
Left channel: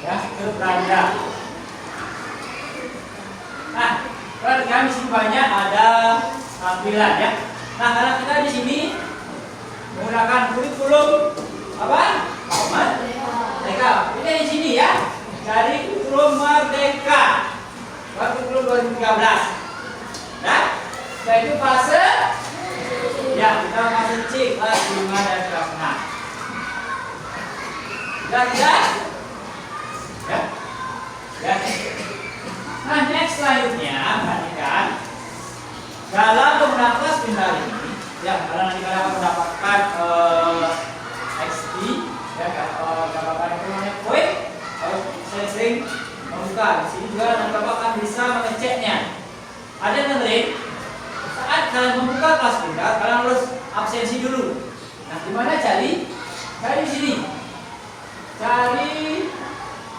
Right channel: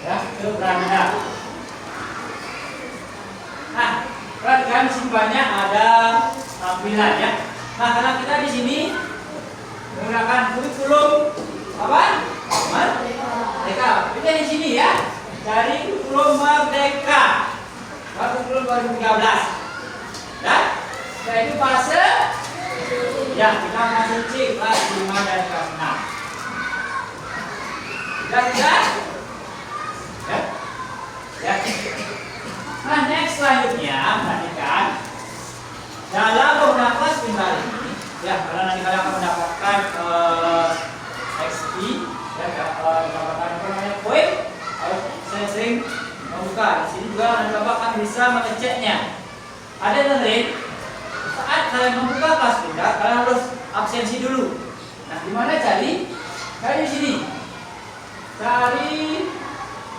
Ya, ke beranda. Nah, perhatikan di sini banyak ada tampilan ya. Nah, karena kita di sini menggunakan kurikulum apa? Merdeka. Ini di sini ya. Dari kurikulum Merdeka. Kurikulum 2013. Ya. Setelah itu fase ya, kita masih cek kelas 5 dan kelas 6. Sudah tidak? Ya. Ya. Nah, next selanjutnya perhatikan dalam penggunaan kelas pintar ini, ya, karena nanti kalian akan mendapatkan XP, ya, mendapatkan apa namanya poin, harus sering membuka. Di sini juga nanti bapak akan bisa mengeceknya. Ada yang dengerin? Saat kalian membuka kelas pintar, kalian harus absensi dulu. Nah, di mana cari? Cari di sini. Cari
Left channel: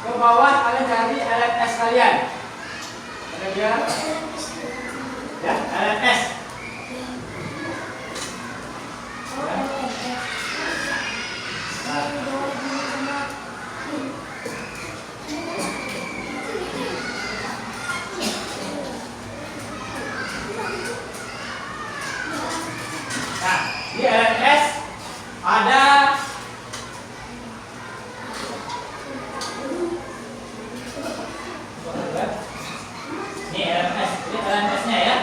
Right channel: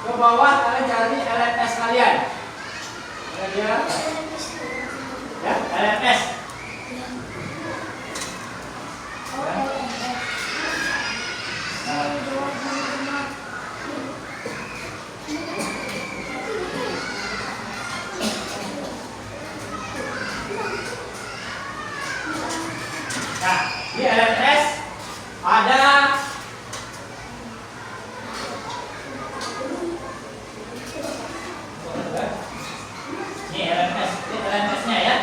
ke bawah, kalian cari LMS kalian. Ya, LMS. Nah, di LMS ada ini LMS, ini LMS-nya ya.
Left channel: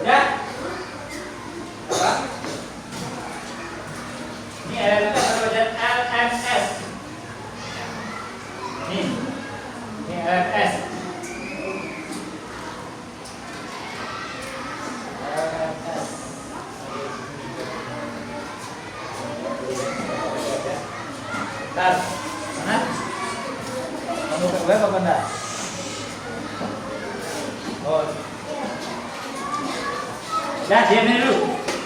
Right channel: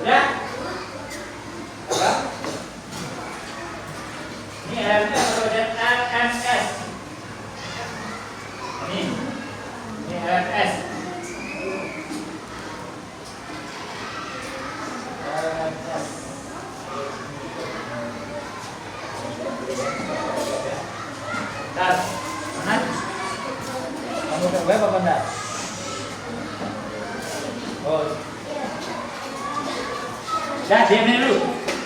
Udah? Apa? Ini LMS atau LMS. Ini LMS. Bentar, mana? Kamu ke web apa enggak? Oh. Dah, diamin dulu.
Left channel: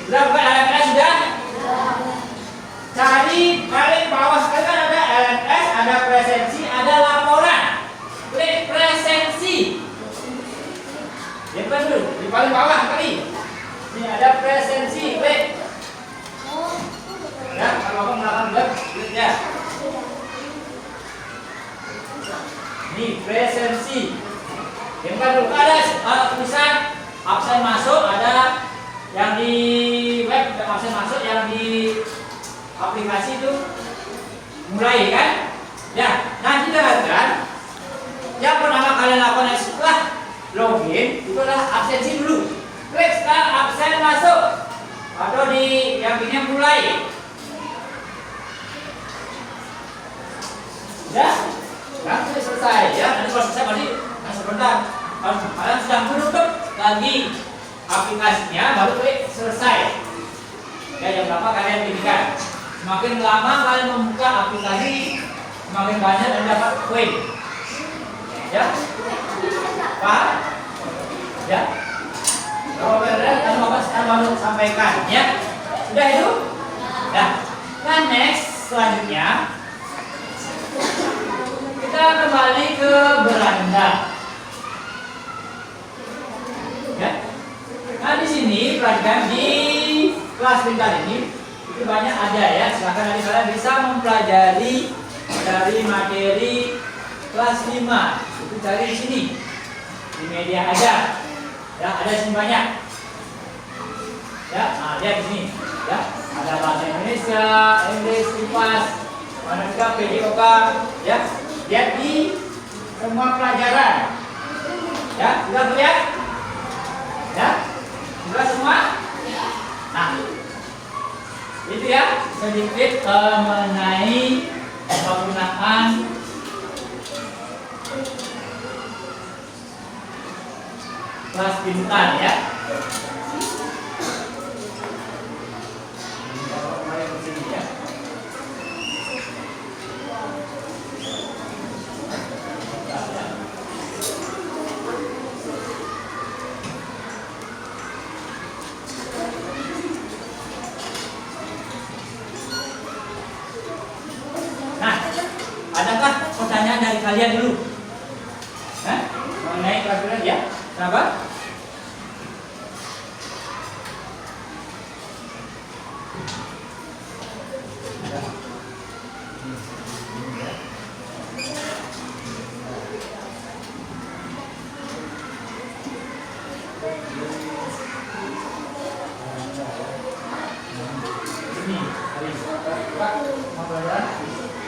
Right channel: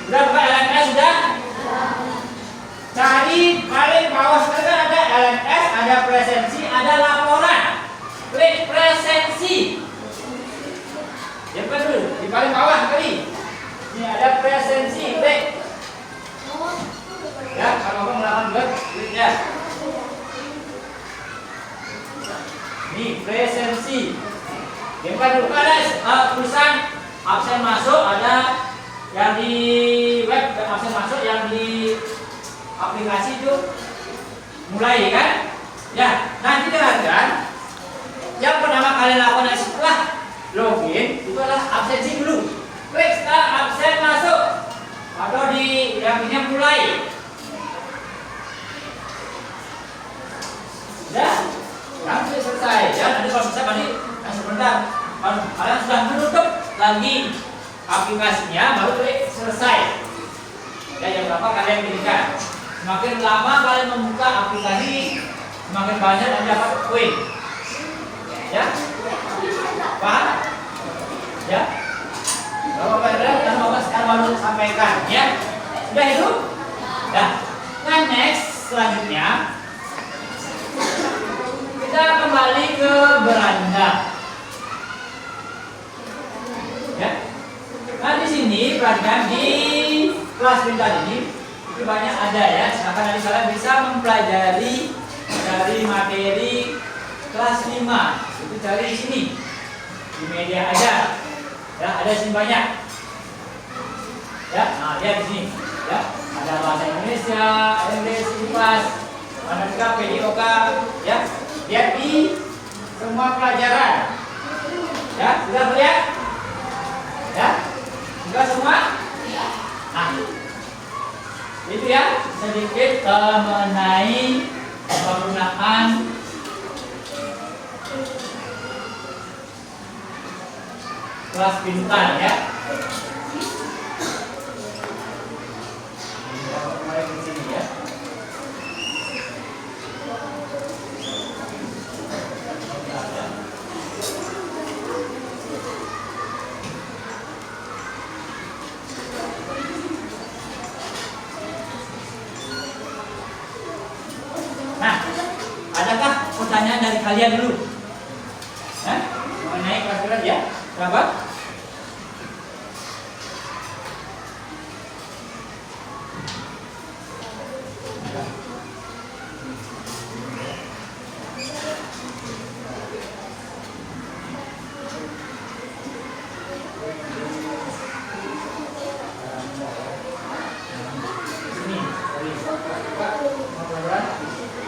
Sudah buka LMS sudah? Cari paling bawah sekali ada LMS, ada presensi, ada laporan. Klik presensi. Diamin dulu, di paling bawah sekali. Ini ada presensi, klik. Ya, kalau kamu melakukan web, kliknya. Ini presensi. Yang kedua ada tulisan absen masuk, ada yang di web absen masuk, yang di aplikasi itu mulai kan? Ya, nanti dengarkan. Yang pertama kalian lakukan setelah login itu adalah absensi dulu. Klik sekarang absen masuk atau di yang ini mulai. Ya, yang selesai ya. Nanti kalau selesai nanti sebentar. Kalian sudah menutup lagi aplikasinya, baru klik selesai. Ya, yang berapa kalian pilihkan. Semakin lama kalian membuka aplikasi, semakin banyak dan dapat poin. Ya, paham? Ya. Kalau kalian saya mau sampaikan, ya. Sudah itu? Ya. Nah, next selanjutnya kita kembali ke beranda. Ya. Nah, di sini perhatikan di kelas pintar ini itu banyak ada ya. Silakan nanti kalian bisa mempelajari dari materi kelas 5. Itu cari di sini. Di media aja. Ya, ada di sini banyak. Ya, nah lihat di sini. Ya, ada bahasa Indonesia, English, IPAS, Matematika, PJOK, ya. Lihat di semua pelajaran. Ya, sudah terlihat? Ya, sudah semua? Nah, itu ya sedikit mengenai penggunaan kelas pintar ya. Mulai di sini ya. Nah, adakah pertanyaan dari kalian dulu. Mengenai peraturan ya. Kenapa?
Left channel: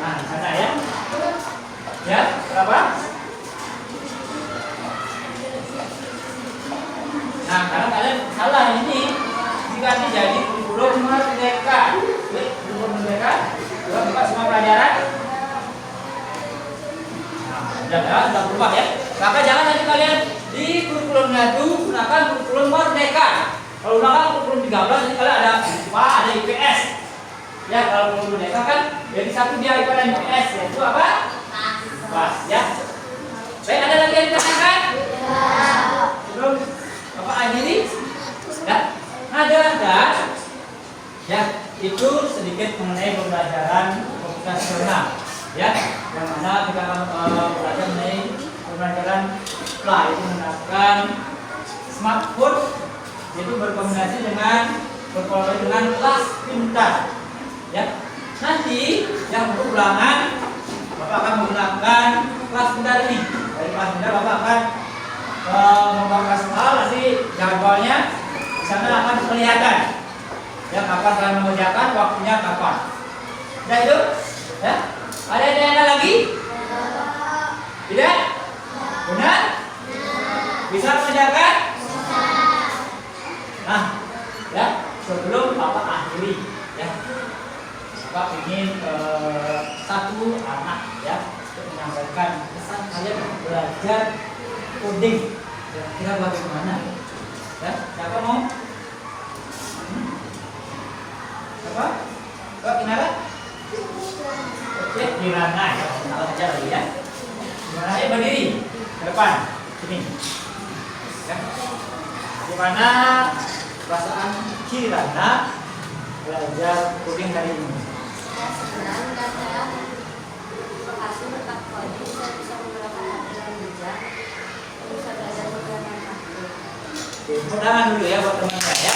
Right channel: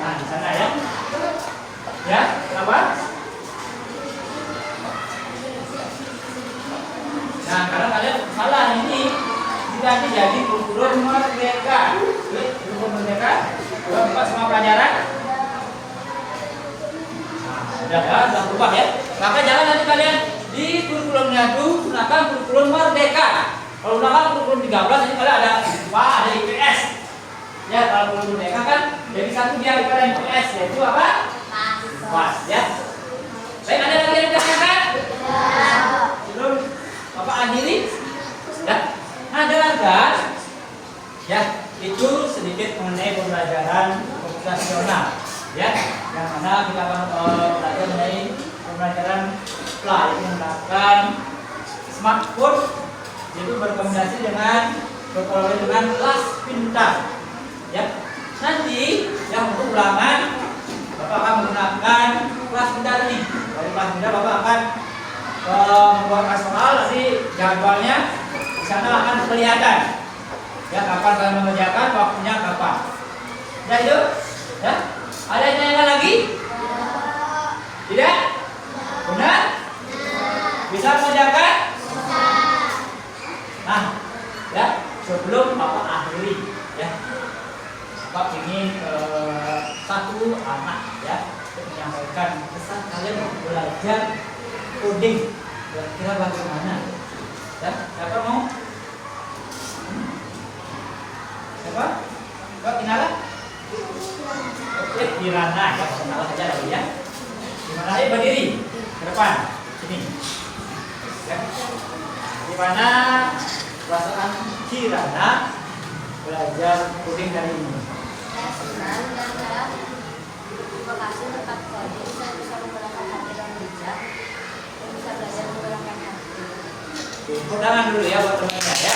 Nah, di sana ya. Ya, kenapa? Nah, karena kalian salah ini diganti jadi kurikulum merdeka. Kurikulum merdeka, buka semua pelajaran. Nah, sudah berubah ya. Maka jangan nanti kalian di kurikulumnya itu gunakan kurikulum merdeka. Kalau gunakan kurikulum 13 nanti kalian ada IPA, ada IPS. Ya, kalau kurikulum merdeka kan jadi satu di IPA dan IPS, yaitu apa? Pas ya. Baik, ada lagi yang ditanyakan? Belum Bapak akhiri? Ya. Nah, jalankan. Ya, itu sedikit mengenai pembelajaran komputasional. Ya, yang mana kita akan belajar mengenai pembelajaran play menggunakan smartphone, yaitu berkombinasi dengan berkolaborasi dengan kelas pintar. Ya, nanti yang untuk ulangan Bapak akan menggunakan kelas pintar ini. Dari kelas pintar Bapak akan membuat kelas soal, nanti jadwalnya di sana akan kelihatan. Ya, kapan kalian mengerjakan, waktunya kapan. Ya itu, ya. Ada yang tanya lagi? Tidak? Benar? Bisa mengerjakan? Nah, ya, sebelum Bapak akhiri, ya. Bapak ingin satu anak ya untuk menyampaikan pesan kalian belajar coding. Kira-kira bagaimana? Ya, siapa mau? Siapa? Kak Kinara? Oke, Kirana ya, perkenalan saja lagi ya. Gimana? Ayo berdiri ke depan, sini. Ya. Gimana perasaan Kirana belajar coding hari ini? Senang dan saya terima kasih tentang coding, saya bisa menggunakan hati dan bijak, bisa belajar menggunakan HP. Tepuk tangan dulu ya buat temannya ya.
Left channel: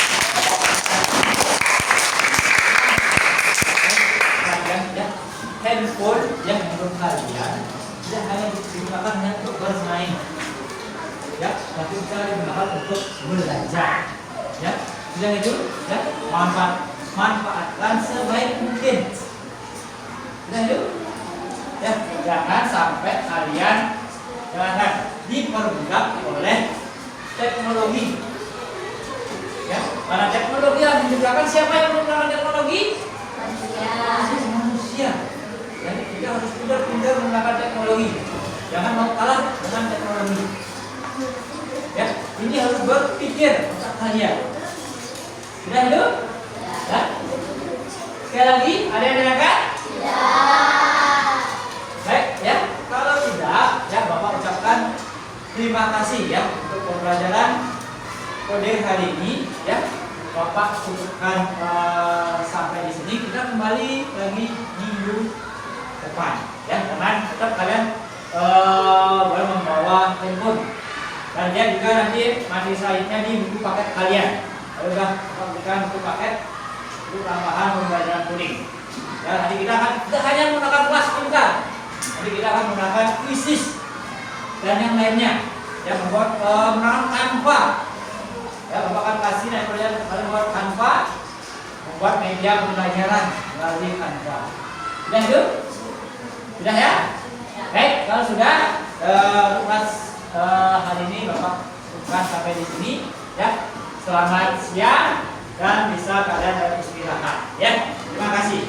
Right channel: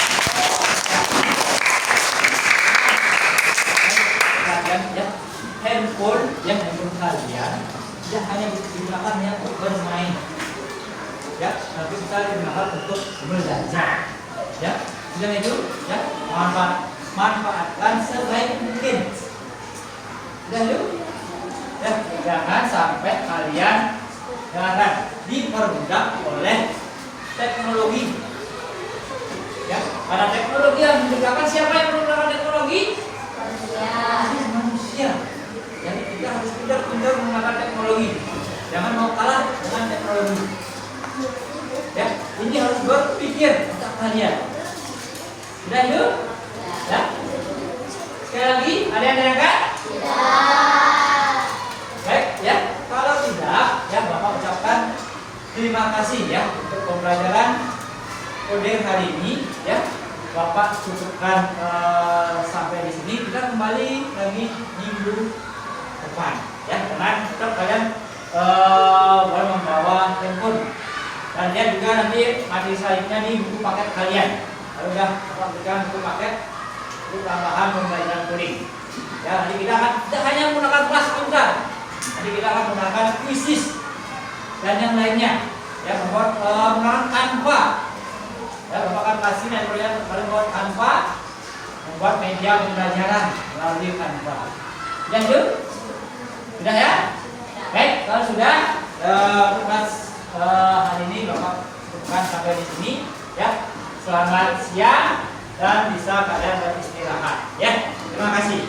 Ya, handphone kalian tidak hanya digunakan hanya untuk bermain, ya, tapi juga digunakan untuk belajar, ya. Sudah itu, ya, manfaatkan sebaik mungkin. Sudah itu, ya, jangan sampai kalian diperbudak oleh teknologi. Ya, karena teknologi yang menciptakan, siapa yang menciptakan teknologi? Manusia. Ya, kita harus pintar-pintar menggunakan teknologi. Jangan mau kalah dengan teknologi. Ya, ini harus berpikir otak kalian. Sudah itu? Ya. Sekali lagi, ada yang tanyakan? Tidak. Baik, ya. Kalau tidak, ya Bapak ucapkan terima kasih ya untuk pembelajaran kode hari ini. Ya, Bapak cukupkan sampai di sini. Kita kembali lagi minggu depan. Ya, teman, tetap kalian boleh membawa handphone. Dan dia juga nanti materi selanjutnya di buku paket kalian. Kalau sudah Bapak berikan buku paket untuk tambahan pembelajaran coding. Ya, nanti kita akan tidak hanya menggunakan kelas pintar. Nanti kita akan menggunakan quizzes dan yang lainnya. Ya, menggunakan Canva. Ya, Bapak akan kasih dan kalian membuat Canva, membuat media pembelajaran melalui Canva. Sudah itu? Sudah ya? Baik, kalau sudah kelas hari ini Bapak cukupkan sampai di sini. Ya, selamat siang dan bisa kalian beristirahat. Ya, terima kasih.